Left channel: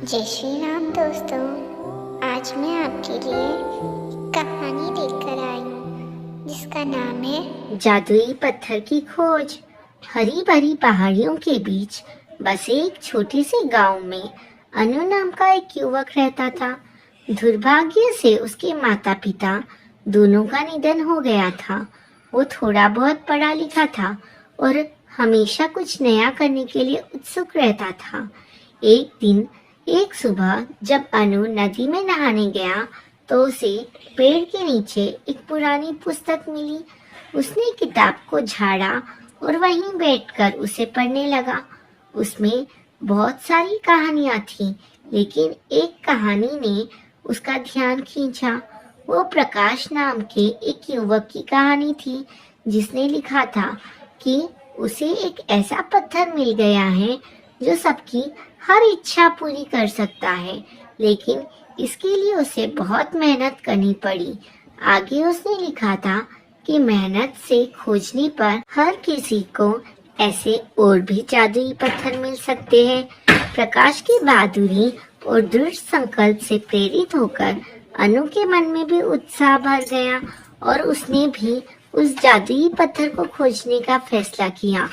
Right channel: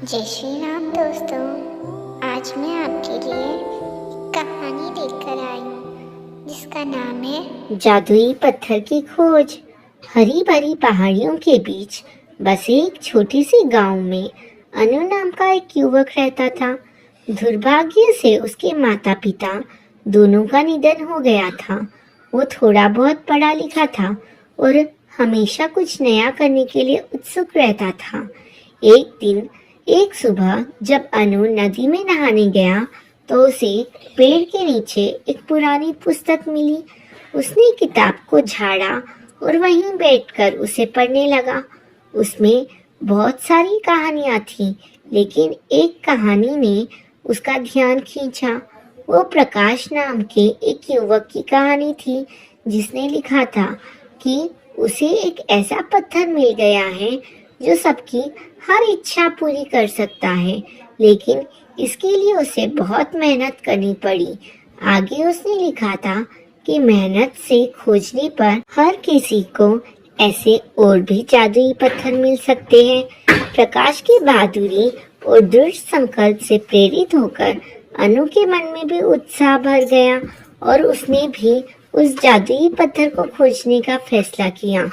जय श्री राम दोस्तों। आज मैं आपके लिए कहानी लेकर आई हूँ जिसका नाम है जादुई पत्थर की खोज। हरी भरी पहाड़ियों के बीच बसे एक छोटी सी गांव में अनु नाम का एक युवक रहता था। दुर्भाग्य से उसके माता पिता दोनों का निधन हो गया था। वो थोड़ा बहुत पढ़ा लिखा था और हमेशा कुछ नया करने के लिए उत्सुक रहता था। एक सुबह जब अनु नदी में नहाने गया तो उसे पेड़ के नीचे एक पुरानी पुस्तक मिली। उसने किताब को झाड़ा और वहीं बैठकर उसे पढ़ने लगा। उसमें बहुत सारी कहानियां थीं, लेकिन एक कहानी ने उसका ध्यान खींचा। वो प्रकाश नाम के एक युवक की कहानी थी जिसने लिखा था कि उसे एक ऐसा पत्थर मिल गया है जो सबकी हर इच्छा पूरी कर सकता है, लेकिन इसके लिए उसे बहुत मेहनत करनी पड़ी। आगे उसने लिखा था कि मेहनत से खोजने पर हर किसी को ऐसे और भी जादुई पत्थर मिल सकते हैं। प्रकाश की बहादुरी और दृढ़ संकल्प से प्रेरित होकर अनु के मन में भी उत्साह भर गया और उसने भी उस जादुई पत्थर को खोजने का फैसला किया।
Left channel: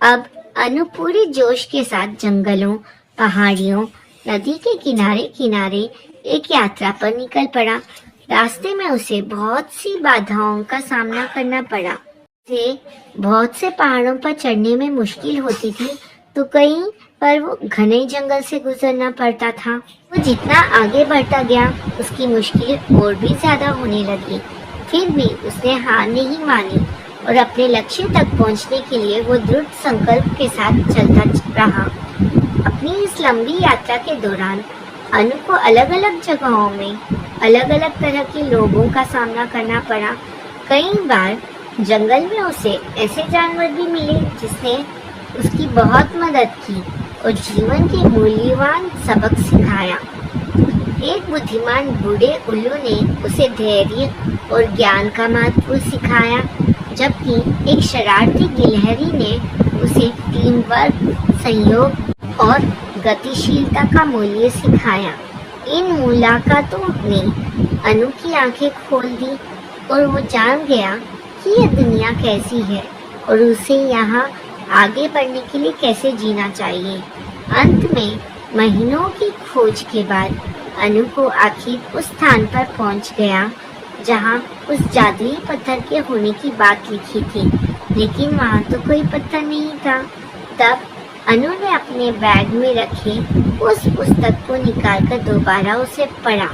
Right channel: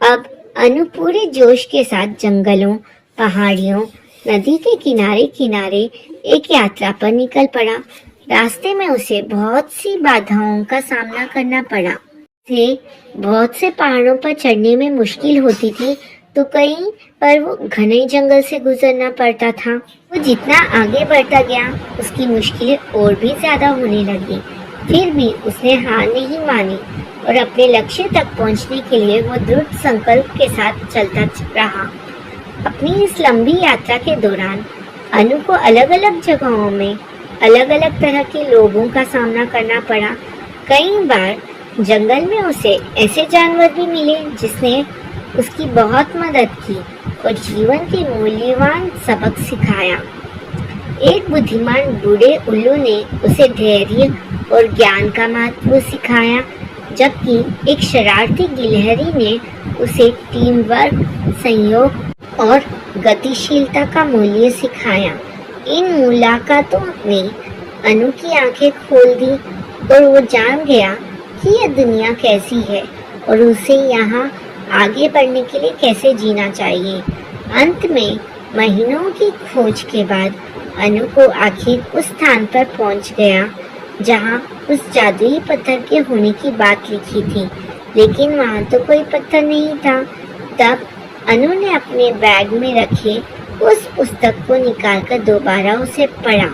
अब अनु पूरे जोश के साथ जंगलों, पहाड़ियों, नदी के किनारे किनारे एक यात्रा पर निकल पड़ा। रास्ते में उसे बहुत सी बाधाओं का सामना करना पड़ा। बहुत से पहाड़ों पर चढ़ने में मुश्किल होती थी तो कहीं पर वो घने जंगल से गुजरना पड़ता था। वो जितना आगे बढ़ता गया उसकी मुश्किलें और भी ज्यादा होने लगी। फिर भी उसने हार नहीं मानी और अपने लक्ष्य तक पहुंचने के लिए वो दृढ़ संकल्प के साथ चलता रहा। अपनी इस लंबी यात्रा के दौरान अनु को अलग अलग जगहों में अलग अलग तरह के लोगों का सामना करना पड़ा। कई बार जंगल में उसे ऐसे जानवर भी मिले जिसने उसकी बहुत मदद की और जीवन के मूल्यवान सबक सिखाया। एक बुद्धिमान बूढ़े उल्लू ने उसे धैर्य और ज्ञान का महत्व सिखाया, जबकि एक शरारती गिलहरी ने उसे टीम वर्क, सहयोग और गतिशीलता का मूल्य सिखाया। इन मुलाकातों ने अनु की आंखें खोल दी और वो जान गया कि यह दुनिया कैसी है और उसे यहाँ आगे बढ़ने के लिए कैसे जीना चाहिए। अंत में महीनों की खोज के बाद अनु को आखिर उस स्थान पर पहुँच गया जहाँ उस जादुई पत्थर के होने की बात लिखी थी, लेकिन वहाँ तो कोई पत्थर नहीं था। तब अनु ने अपने बैग में रखे उस पुस्तक को निकालकर दोबारा उसे पढ़ा।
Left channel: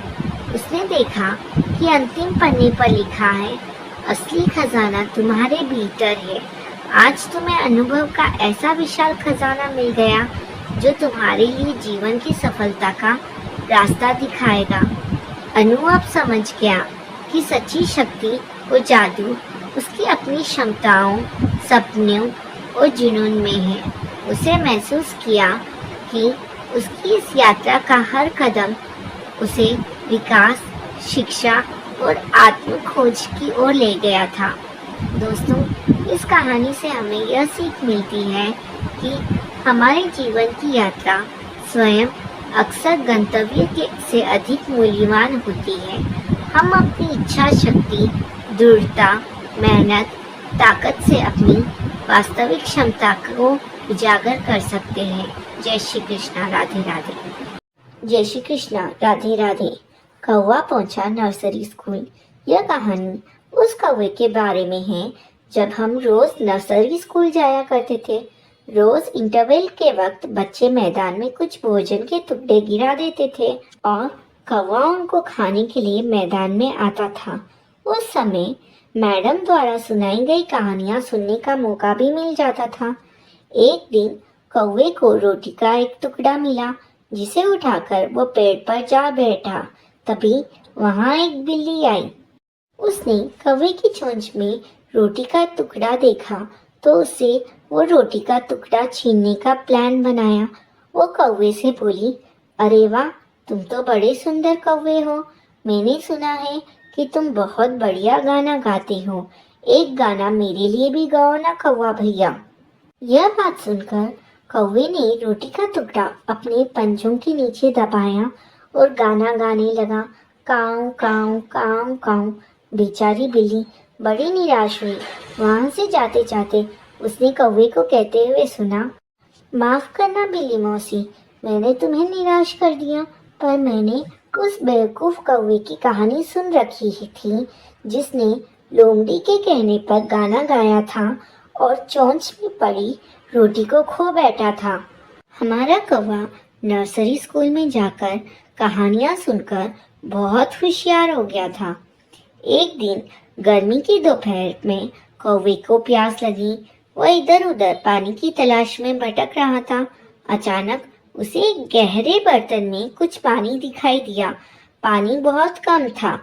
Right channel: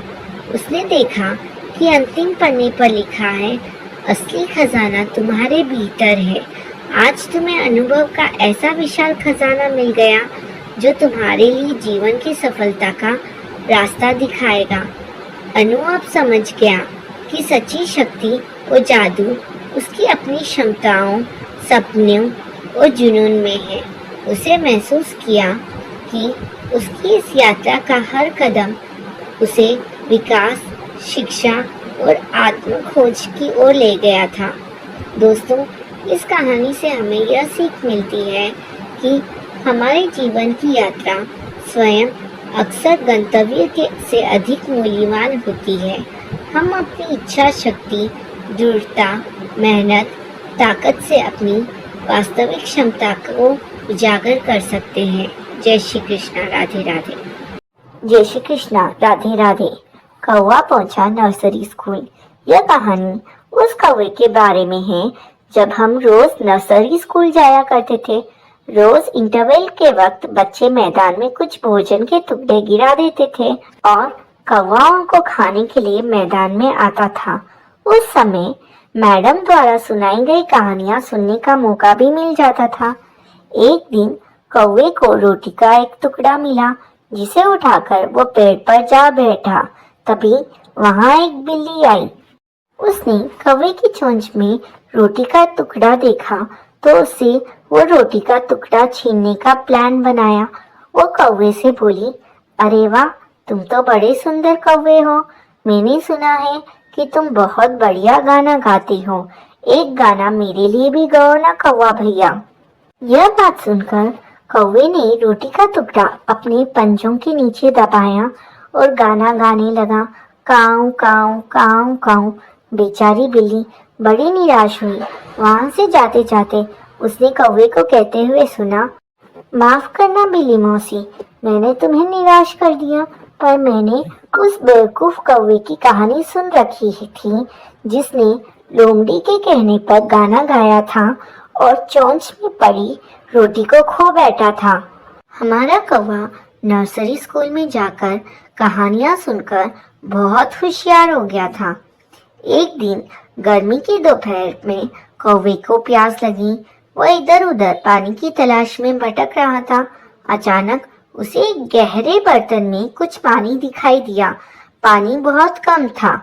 उसने देखा कि अंतिम पन्ने पर लिखा है, असली खजाना तुम्हारे भीतर है। आज तुम्हें अनुभव का ऐसा विशाल खजाना मिल गया जो तुम्हारे लिए जीवन की सफलता का रास्ता दिखाएगा। अनु अब समझ गया कि सच्ची शक्ति और जादू उसकी अपनी क्षमताओं, सपनों और जुनून में है। उसे महसूस किया कि उसकी इस यात्रा का हर कदम उसे विकास, शिक्षा और आत्म खोज की ओर ले गया था। दोस्तों, इस कहानी से हमें यह सीख मिलती है कि हमारे जीवन की यात्रा स्वयं अक्सर गंतव्य के से अधिक मूल्यवान होती है। हम अपनी इच्छा शक्ति, दृढ़ता, मेहनत, ताकत से अपनी वास्तविक क्षमता को उजागर कर सकते हैं। जय श्री कृष्णा, राधे राधे। जय श्री कृष्णा, राधे राधे। कौवा पहुंचा नर्सरी स्कूल। यह कहानी उस कौवे के बारे में है जब हम रोज नर्सरी स्कूल जाया करते थे। रोज इंटरवल के वक्त बच्चे मैदान में कुछ भोजन के टुकड़े गिरा देते थे और कौवाओं को खाने के लिए मैदान में आता था। उस समय मैडम द्वारा सुनाई गई कहानियां सुनने का मौका भी मिल जाता था। एक दिन कौवे को रोटी का एक टुकड़ा मिला जिसे उठाकर वो पेड़ पर जा बैठा। तभी वहां एक बिल्ली आई। उसने कौवे की चोंच में रोटी का टुकड़ा देखा तो उसे वो रोटी का टुकड़ा छीनने का प्लान बनाया। वो कौवे से बोली, अरे वाह, तुम तो बड़े सुंदर कौवे हो। मैंने सुना है कि तुम बहुत बढ़िया गाना गाते हो। एक गाना मेरे लिए भी गाओ ना कौवा भैया। यह बात सुनकर कौवे ने रोटी का टुकड़ा अपने पंजों के नीचे दबाया और गाना गाने लगा, काऊ काऊ काऊ काऊ। बेचारी बिल्ली बड़ी निराश हुई। वहां से जाते जाते उसने कौवे को कहते हुए सुना, माफ करना बिल्ली मौसी, मैंने तुम्हें निराश कर दिया, पर मैंने उस बेवकूफ कौवे की कहानी सुन रखी ही थी जिसने लोमड़ी के कहने पर गाना गाया था और चोंच में पड़ी रोटी को खो बैठा था। हमारा कौवा नर्सरी स्कूल में जाकर कहानियां सुनकर बहुत होशियार हो गया था। एक दिन गर्मी की दोपहर में कौवे को प्यास लगी। वो इधर उधर पानी की तलाश में भटक रहा था। अचानक उसे एक गहरे बर्तन में कुछ पानी दिखाई दिया। पानी बहुत कम था।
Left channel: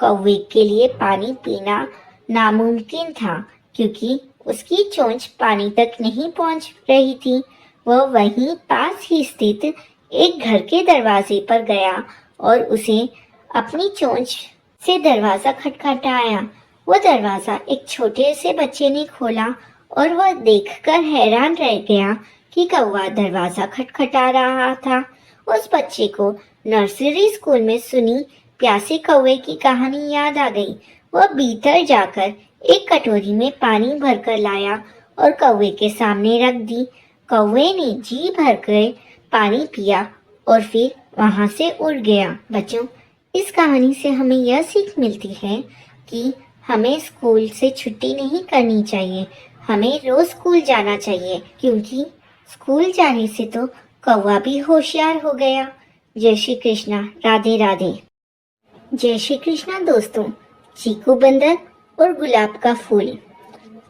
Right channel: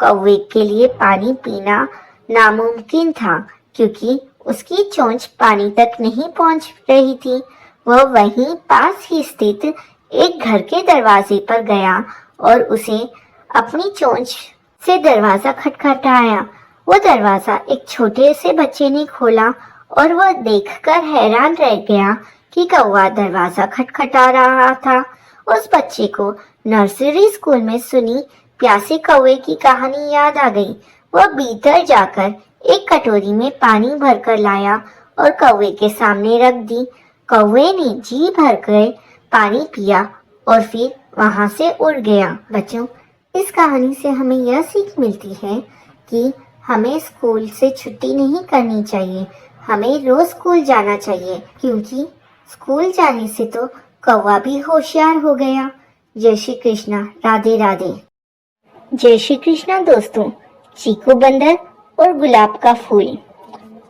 कौवे के लिए पानी पीना नामुमकिन था क्योंकि उसकी चोंच पानी तक नहीं पहुंच रही थी। वह वहीं पास ही स्थित एक घर के दरवाजे पर गया और उसे अपनी चोंच से दरवाजा खटखटाया। वो दरवाजा एक छोटे से बच्चे ने खोला और वह देखकर हैरान रह गया कि कौवा दरवाजा खटखटा रहा था। उस बच्चे को नर्सरी स्कूल में सुनी प्यासे कौवे की कहानी याद आ गई। वह भीतर जाकर एक कटोरी में पानी भरकर लाया और कौवे के सामने रख दी। कौवे ने जी भरकर पानी पिया और फिर वहां से उड़ गया। बच्चों, इस कहानी से हमें यह सीख मिलती है कि हमें स्कूल से छुट्टी नहीं करनी चाहिए, हमें रोज स्कूल जाना चाहिए, क्योंकि स्कूल जाने से तो कौवा भी होशियार हो गया। जय श्री कृष्णा, राधे राधे। जय श्री कृष्णा दोस्तों। चीकू बंदर और गुलाब का फूल।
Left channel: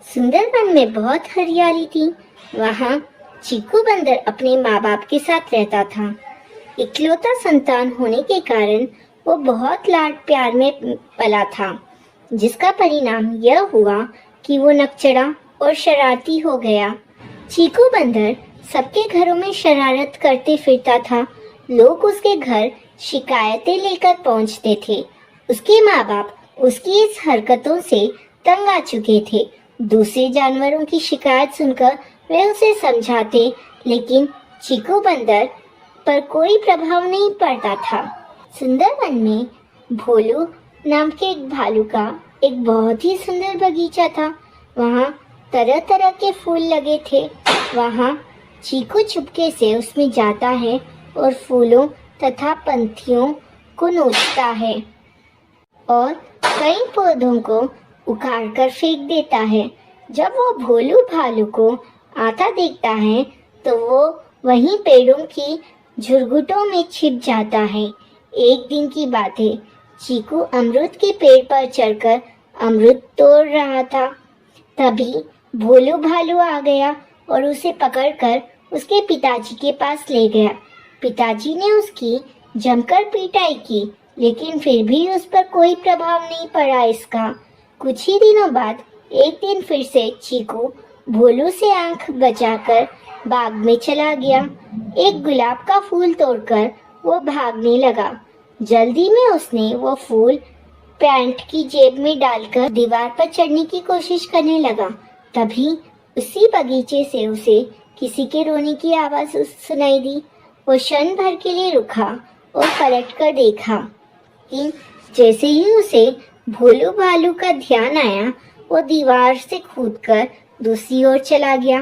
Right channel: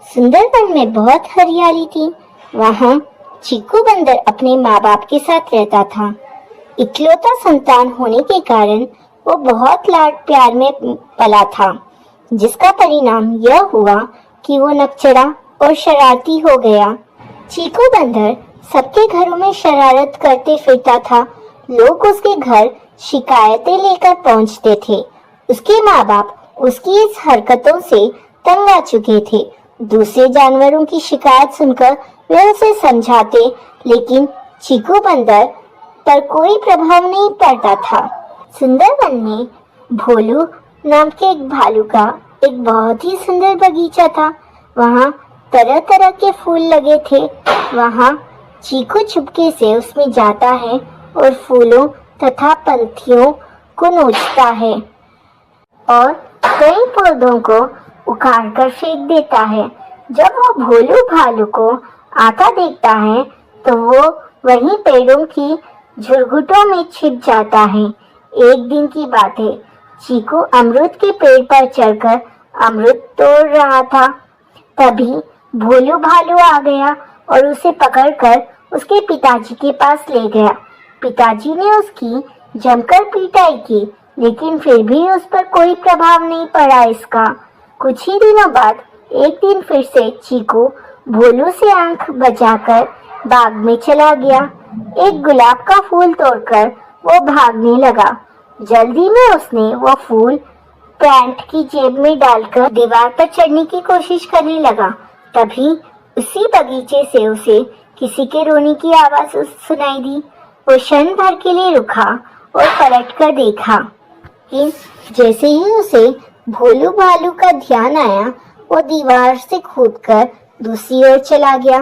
सुंदरवन में बहुत हरियाली थी। वहाँ चीकू बंदर अपने माँ बाप के साथ रहता था। इकलौता संतान होने के कारण वो बहुत लाड प्यार में पला था, जिसका परिणाम यह हुआ कि वो नकचड़ा और शरारती हो गया। चीकू बंदर सबके घरों में शरारत करते फिरता था। लोग उसके घर शिकायतें लेकर पहुंचते थे। उसके माँ बाप उसकी इस हरकतों से तंग आ चुके थे। दूसरे जानवरों की शिकायत सुनकर वे उसे समझाते, लेकिन चीकू बंदर पर कोई प्रभाव नहीं पड़ता था। सुंदरवन में भोलू नाम के एक भालू का एक बहुत ही सुंदर बगीचा था। वहाँ तरह तरह के फूल लगे थे। वहाँ चीकू चुपके से उसमें जाता है और फूलों तथा पंखियों को नोचता है और कई पौधों को उखाड़ कर फेंक देता है। जब वो भोलू भालू को आता देखता है तो वो वहीं पेड़ों की झुरमुटों में छिप जाता है। एक दिन की बात है, चीकू अमरूद के पेड़ पर चढ़कर अमरूद तोड़ रहा था। तभी भोलू भालू आ गया और उसे पकड़कर उसके पिताजी के पास ले गया। पिताजी ने उसकी जमकर पिटाई की, लेकिन फिर भी उस पर कोई प्रभाव नहीं पड़ा इसका। कुछ ही दिनों बाद एक दिन फिर से चीकू भोलू से आंख बचाकर बाग में चला गया। एक गुलाब का फूल तोड़कर वो भागने लगा। जल्दी में उसने वो फूल पैंट की जेब में डालकर दीवार पर चढ़ने की कोशिश करने लगा। तभी उसी बगीचे से उसे किसी के रोने की आवाज सुनाई दी। वो क्षण भर के लिए रुका और पलट कर देखा कि जैसे ही उसे भोलू भालू का ध्यान आया, वो दीवार से कूदकर दूसरी ओर चला गया।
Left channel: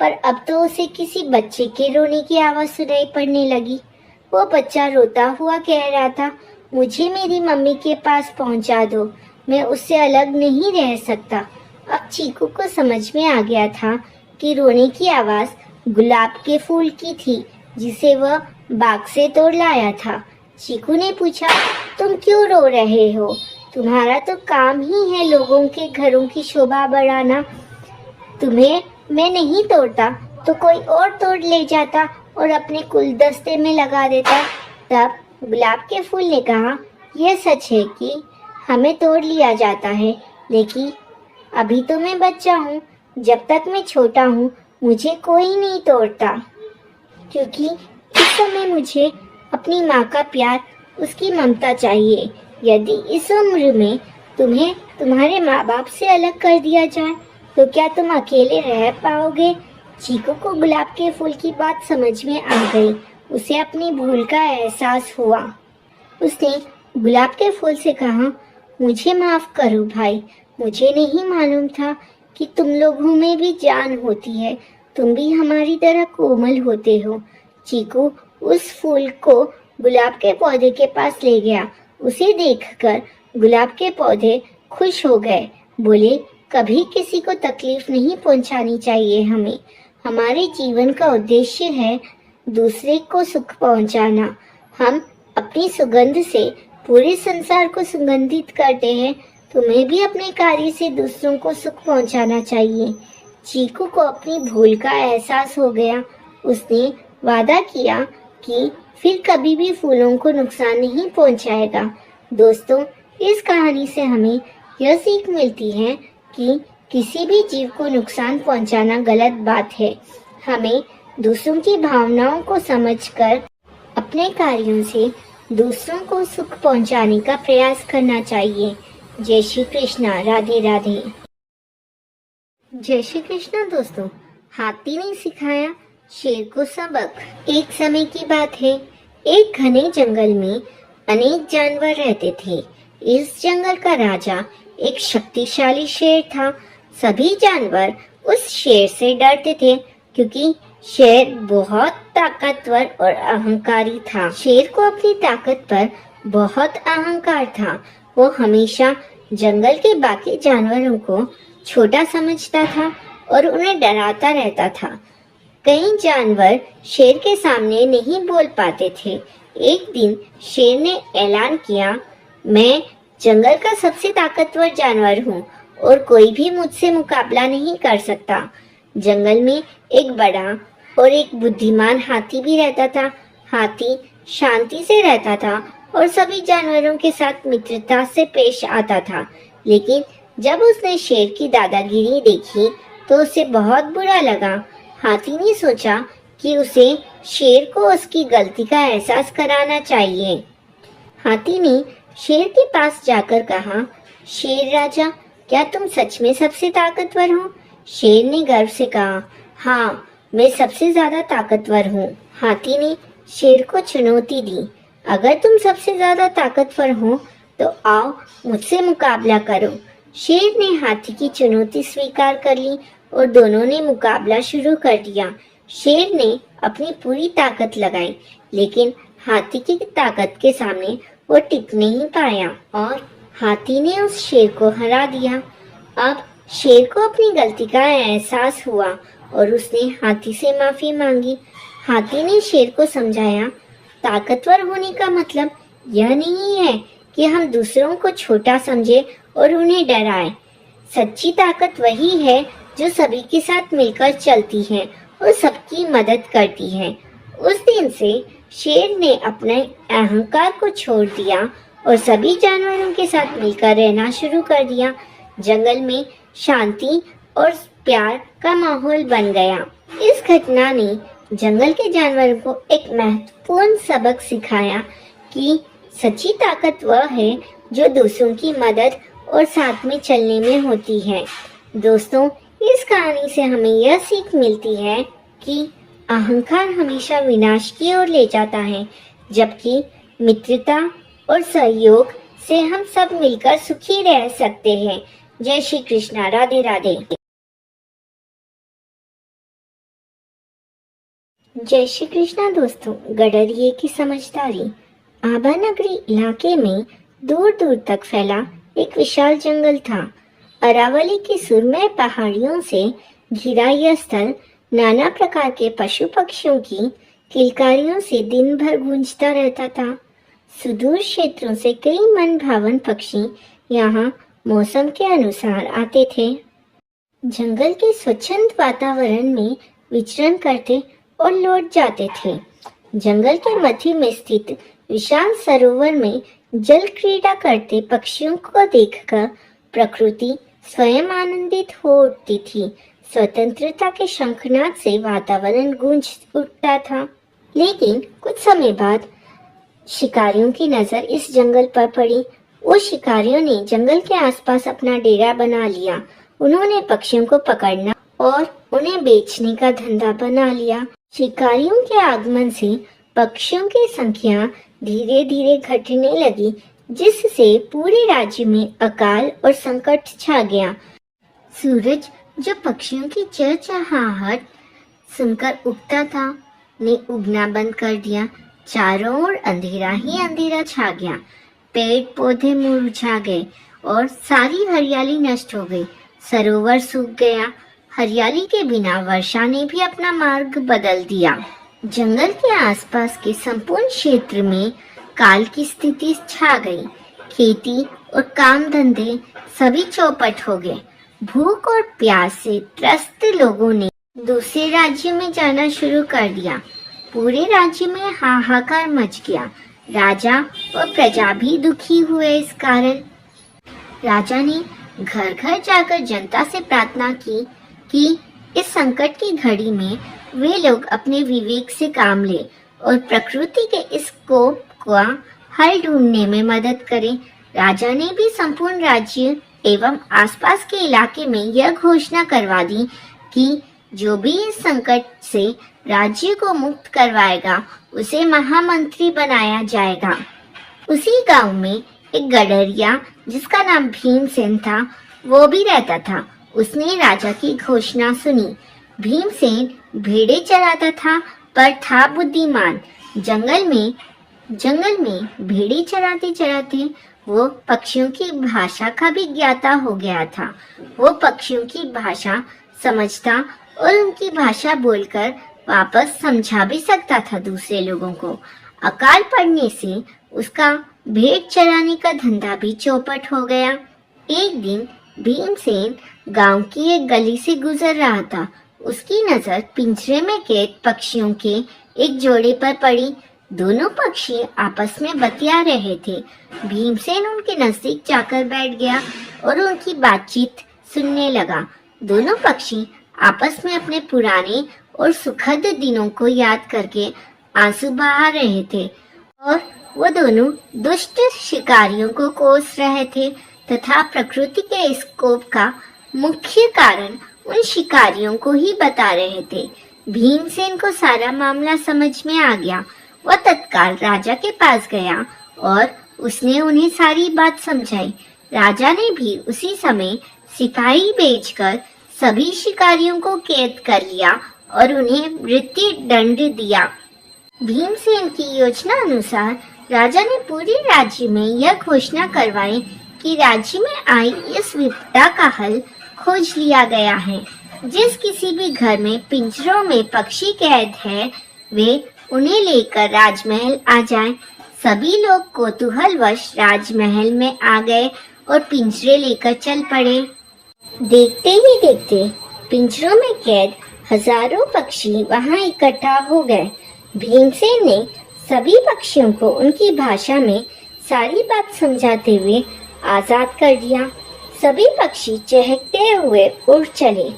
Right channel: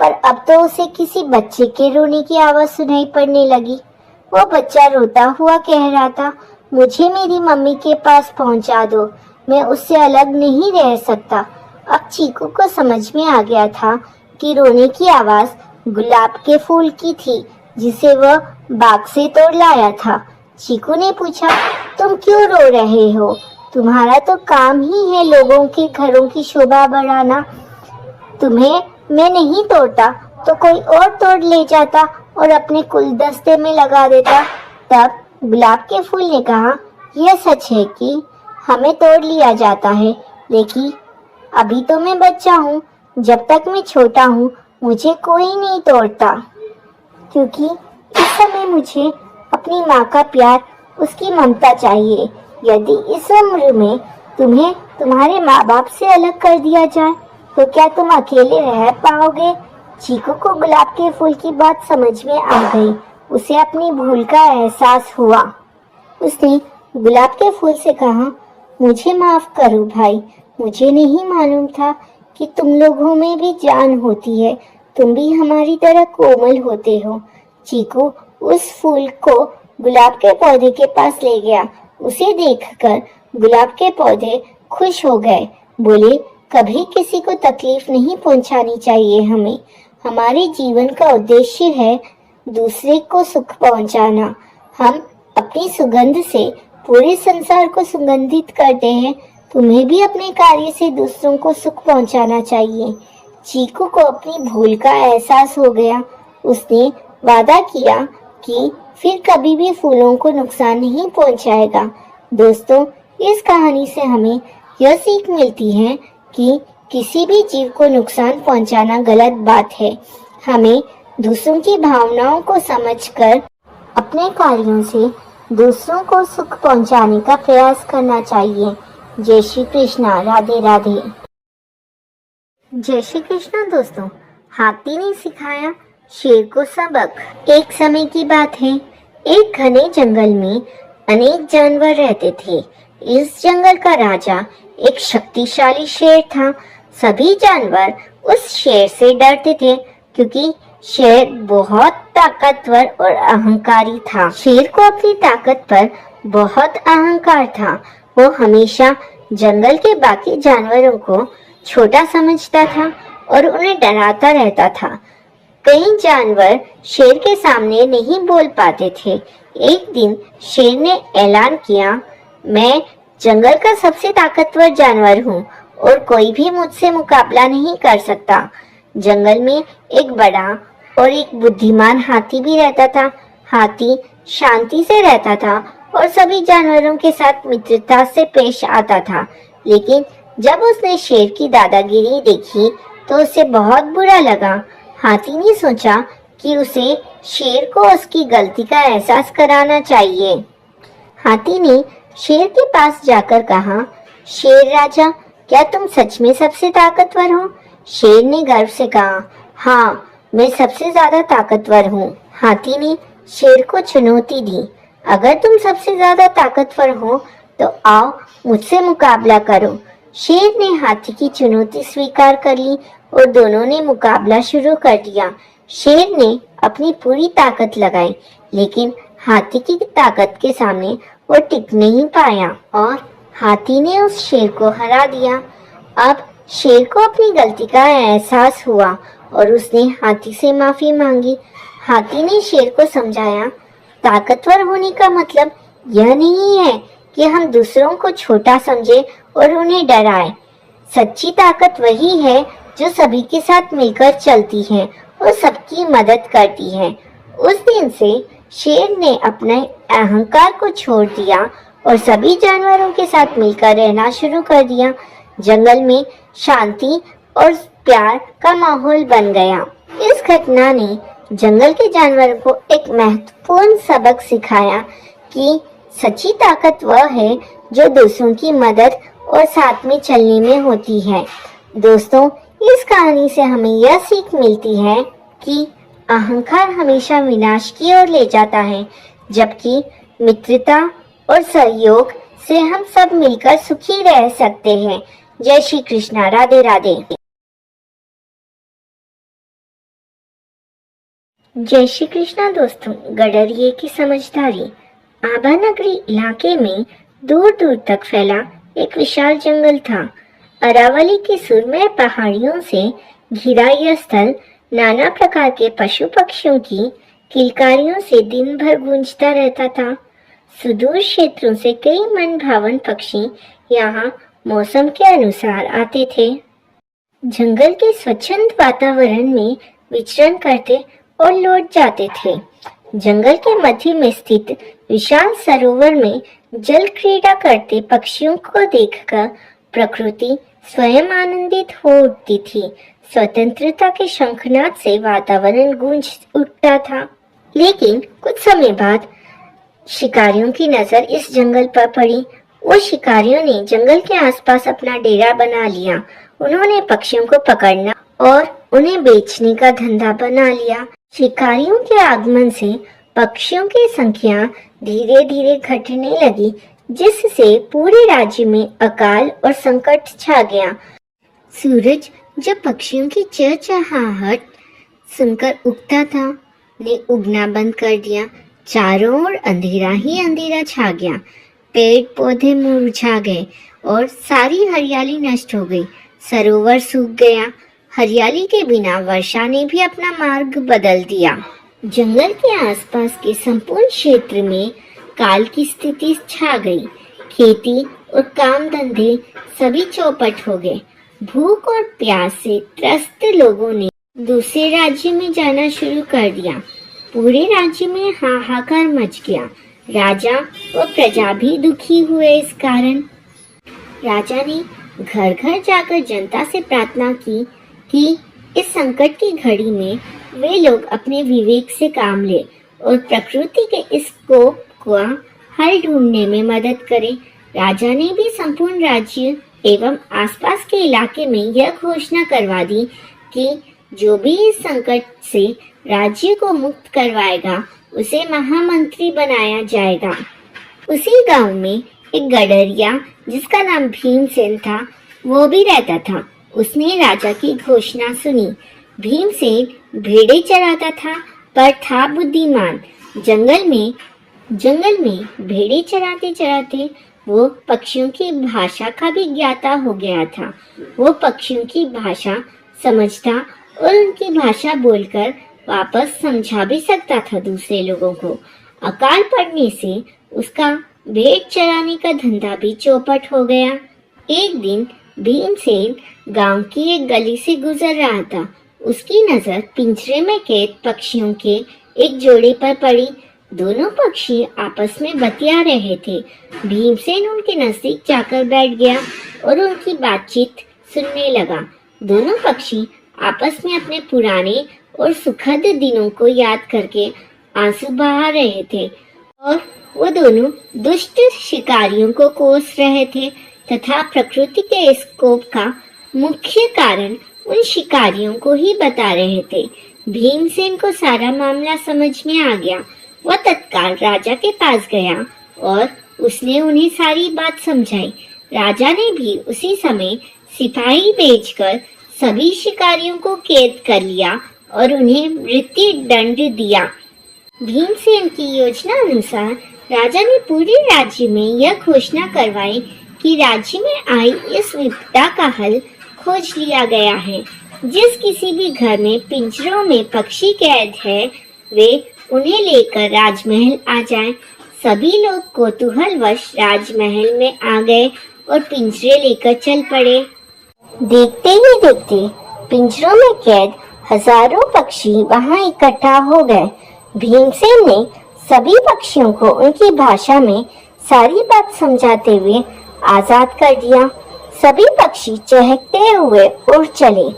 पर अब तो उसे किसी बच्चे के रोने की आवाज सुनाई पड़ने लगी। वो बच्चा रोता हुआ कह रहा था, मुझे मेरी मम्मी के पास पहुंचा दो, मैं उससे अलग नहीं रह सकता। अब चीकू को समझ में आ गया था कि रोने की आवाज गुलाब के फूल की थी, जिसे वह बाग से तोड़ लाया था। चीकू ने पूछा, तुम क्यों रो रहे हो? तुम्हारा तो काम ही है लोगों के घरों की शोभा बढ़ाना। तुम्हें मैं नहीं तोड़ता तो कोई और तोड़ ले जाता और अपने गुलदस्ते में लगा देता। तब गुलाब के फूल ने कहा, यह सच है कि हमें तोड़ लिया जाता है, लेकिन अभी तो मैं बच्चा हूँ। जब तक मैं छोटा हूँ मुझे कोई नहीं तोड़ता, क्योंकि इस समय मुझे अपनी माँ का प्यार, उसकी ममता चाहिए। यदि इस उम्र में तुम्हें तुम्हारे माँ बाप से अलग कर दिया जाए तो क्या तुम अकेले रह पाओगे? चीकू को गुलाब के फूल की बात समझ में आ गई। उसे अपनी भूल का एहसास हुआ। उसने गुलाब के फूल से कहा, मुझे माफ करो भाई, मुझे नहीं मालूम था कि तुम लोगों में भी जान होती है, तुम भी हमारी तरह कोमल होते हो। चीकू उस फूल को गुलाब के पौधे के पास ले गया। उसे देखकर गुलाब के पौधे खुश हो गए। बोले, कभी किसी को तकलीफ नहीं पहुंचानी चाहिए हमें। हमारे जीवन का उद्देश्य है दूसरे को सुख पहुंचाना। हम अपनी सुगंध से पूरे संसार को सुगंधित करते हैं। तुम्हें भी अपने कार्य से दूसरों को सुख पहुंचाना चाहिए। चीकू को अपनी भूल का एहसास हो गया। उसने वादा किया कि फिर कभी भी फूलों को नुकसान नहीं पहुंचाएगा। दोस्तों, इस कहानी से हमें यह सीख मिलती है कि किसी भी जीव को नुकसान पहुंचाना गलत बात है। हमें दूसरों की भावनाओं को समझकर अपने कार्यों से दूसरों को सुख पहुंचाने का प्रयास करना चाहिए। जय श्री कृष्णा। राधे राधे। जय श्री कृष्णा। दोस्तों, हाथी ने सिखाया शेर को सबक। एक समय की बात है, एक घने जंगल में अनेक जानवर रहते थे। इस जंगल का राजा एक शक्तिशाली शेर था। सभी जानवर उस शेर से डरते थे क्योंकि शेर बहुत ताकतवर और अहंकारी था। शेर को अपनी ताकत पर बहुत अहंकार था। वो हमेशा जंगल के बाकी जानवरों को छोटा समझता था और उन्हें डराता रहता था। कई जानवर शेर के सामने नहीं बोल पाते थे। एक दिन शेर ने ऐलान किया, मैं जंगल का सबसे ताकतवर जानवर हूँ और कोई भी मुझसे मुकाबला नहीं कर सकता। जंगल में एक बड़ा और एक बुद्धिमान हाथी भी रहता था। हाथी शांति से रहता था और सभी जानवरों के साथ मित्रता से पेश आता था। लेकिन जब उसने शेर की दादागिरी देखी तो उसे बहुत बुरा लगा। हाथी ने सोचा कि उसे शेर को उसकी गलती का एहसास कराना चाहिए। हाथी ने शेर के पास जाकर कहा, शेर राजा, क्या तुम सच में सबसे ताकतवर हो? शेर ने गर्व से कहा, हाँ, मैं सबसे ज्यादा ताकतवर हूँ। हाथी ने शेर को चुनौती दी, अगर तुम सबसे ज्यादा ताकतवर हो तो आओ मुझसे मुकाबला करो। शेर ने हाथी की चुनौती स्वीकार कर ली और दोनों ने मुकाबला शुरू कर दिया। शेर ने अपनी पूरी ताकत लगाई, लेकिन हाथी की ताकत के सामने वो टिक नहीं पाया और हाथी ने उस शेर को हरा दिया। अब शेर को अपनी गलती का एहसास हुआ और उसने हाथी से माफी मांगी। हाथी ने शेर को समझाया, ताकतवर होने का मतलब यह नहीं है कि हम दूसरों को छोटा समझे और उन्हें डराए। सच्ची ताकत वही है जो सभी के साथ मिलकर चलती है और सबकी मदद करती है। उस दिन से शेर ने अपने अहंकार को छोड़ दिया और सभी जानवरों के साथ मिलकर रहना शुरू कर दिया। जंगल में शांति और प्यार का माहौल बन गया। इस घटना ने जंगल के जानवरों को एक महत्वपूर्ण सबक सिखाया कि सच्ची ताकत वह है जो दूसरों की मदद और साथ में चलने में होती है। दोस्तों, इस कहानी से हमें यह सीख मिलती है कि अहंकार हमेशा विनाश की ओर ले जाता है, जबकि मित्रता और सहयोग से हम सब मिलकर सुखी रह सकते हैं। जय श्री कृष्णा। राधे राधे। जय श्री कृष्णा। दोस्तों, गडरिये की समझदारी। आबा नगरी इलाके में दूर दूर तक फैला एक विशाल जंगल था। अरावली की सुरमय पहाड़ियों से घिरा यह स्थल नाना प्रकार के पशु पक्षियों की किलकारियों से दिन भर गूंजता रहता था। सुदूर क्षेत्रों से कई मन भावन पक्षी यहाँ मौसम के अनुसार आते थे। जंगल के स्वच्छंद वातावरण में विचरण करते और लौट जाते थे। जंगल के मध्य में स्थित विशाल सरोवर में जल क्रीड़ा करते पक्षियों को देखकर प्रकृति स्वयं आनंदित हो उठती थी। स्वतंत्रता के शंखनाद से वातावरण गूंज उठता था। लेकिन कुछ समय बाद शिकारियों की नजर इस जंगल पर पड़ी। वो शिकारियों ने जंगल के आसपास अपना डेरा बना लिया। उन्होंने पक्षियों को पकड़ना और उन्हें बेचने का धंधा बना लिया। शिकारियों के आगमन से पक्षियों की संख्या धीरे धीरे घटने लगी, जिससे पूरे राज्य में अकाल और संकट छा गया। सूरज जब पक्षियों की चहचहाहट सुनकर उगता था, ने उगना बंद कर दिया। चारों ओर अंधेरा ही अंधेरा छा गया। पेड़ पौधे मुरझा गए और सारी हरियाली नष्ट हो गई। सरोवर सूख गया। हरियाली के बिना वर्षा ने भी अपना मार्ग बदल दिया। जंगल के आसपास के संपूर्ण क्षेत्र में काल की स्थिति छा गई। खेती और काम धंधे सभी चौपट हो गए। भूख और प्यास से त्रस्त लोगों ने दूसरे राज्य में जाना शुरू कर दिया। पूरे राज्य में हाहाकार मच गया। राजा और प्रजा भी दुखी हुए इस कारण। राजा ने घर घर जाकर जनता से प्रार्थना की कि इस संकट की घड़ी में वे लोग अपने विवेक से काम ले और प्रकृति के इस कोप का हल ढूंढने में मदद करें। राजा ने भी संपूर्ण राज्य एवं आसपास के इलाके में यह घोषणा करवा दी कि जो भी इस संकट से राज्य को मुक्त करवाएगा उसे महामंत्री बनाया जाएगा। उसी गांव में एक गडरिया जिसका नाम भीमसेन था, वो भी रहता था। उसने राजा की घोषणा सुनी। भीमसेन भेड़े चराता था पर था बुद्धिमान। जंगल में भेड़े चराते चराते वो पक्षियों की भाषा का भी ज्ञाता हो गया था। वो पक्षियों की भाषा समझता और उनकी भाषा बोलकर वापस समझा भी सकता था दूसरे लोगों को। अकाल पड़ने से उसका भेड़ चराने का धंधा भी चौपट हो गया। एक दिन भीमसेन गांव की एक गली से गुजर रहा था। उसकी नजर पिंजरे में कैद पक्षियों के एक जोड़े पर पड़ी। दोनों पक्षी आपस में बतिया रहे थे। भीमसेन उनके नजदीक जाकर बैठ गया और उनकी बातचीत सुनने लगा। दोनों पक्षी आपस में अपने पुराने और सुखद दिनों को याद करके आंसू बहा रहे थे और वो दोनों दुष्ट शिकारियों को कोस रहे थे तथा प्रकृति के इस कोप का मुख्य कारण उन शिकारियों को ही बता रहे थे। भीमसेन को सारा मामला समझ में आ गया। वह तत्काल राजा के पास गया और उसने उन्हें सारी बात समझाई। राजा ने भी उसी समय सिपाही भेजकर सभी शिकारियों को कैद कर लिया और उन्हें मृत्यु दंड दिया। भीमसेन की योजना अनुसार राजा ने पूरे राज्य में यह घोषणा करवाई कि राज्य में आई इस विपदा का हल खोज लिया गया है। जिस किसी भी घर में पिंजरों में पक्षी कैद है, वे उन्हें लेकर राजमहल आ जाएं। सभी लोग कौतूहलवश राजमहल में आ गए और पिंजरे लेकर चल पड़े। देखते ही देखते पिंजरों में कैद हजारों पक्षी वहां इकट्ठा हो गए। भीमसेन ने सभी पक्षियों को उनकी भाषा में सारी बात समझाते हुए आजाद कर दिया। सभी पक्षी चहकते हुए उड़ चले।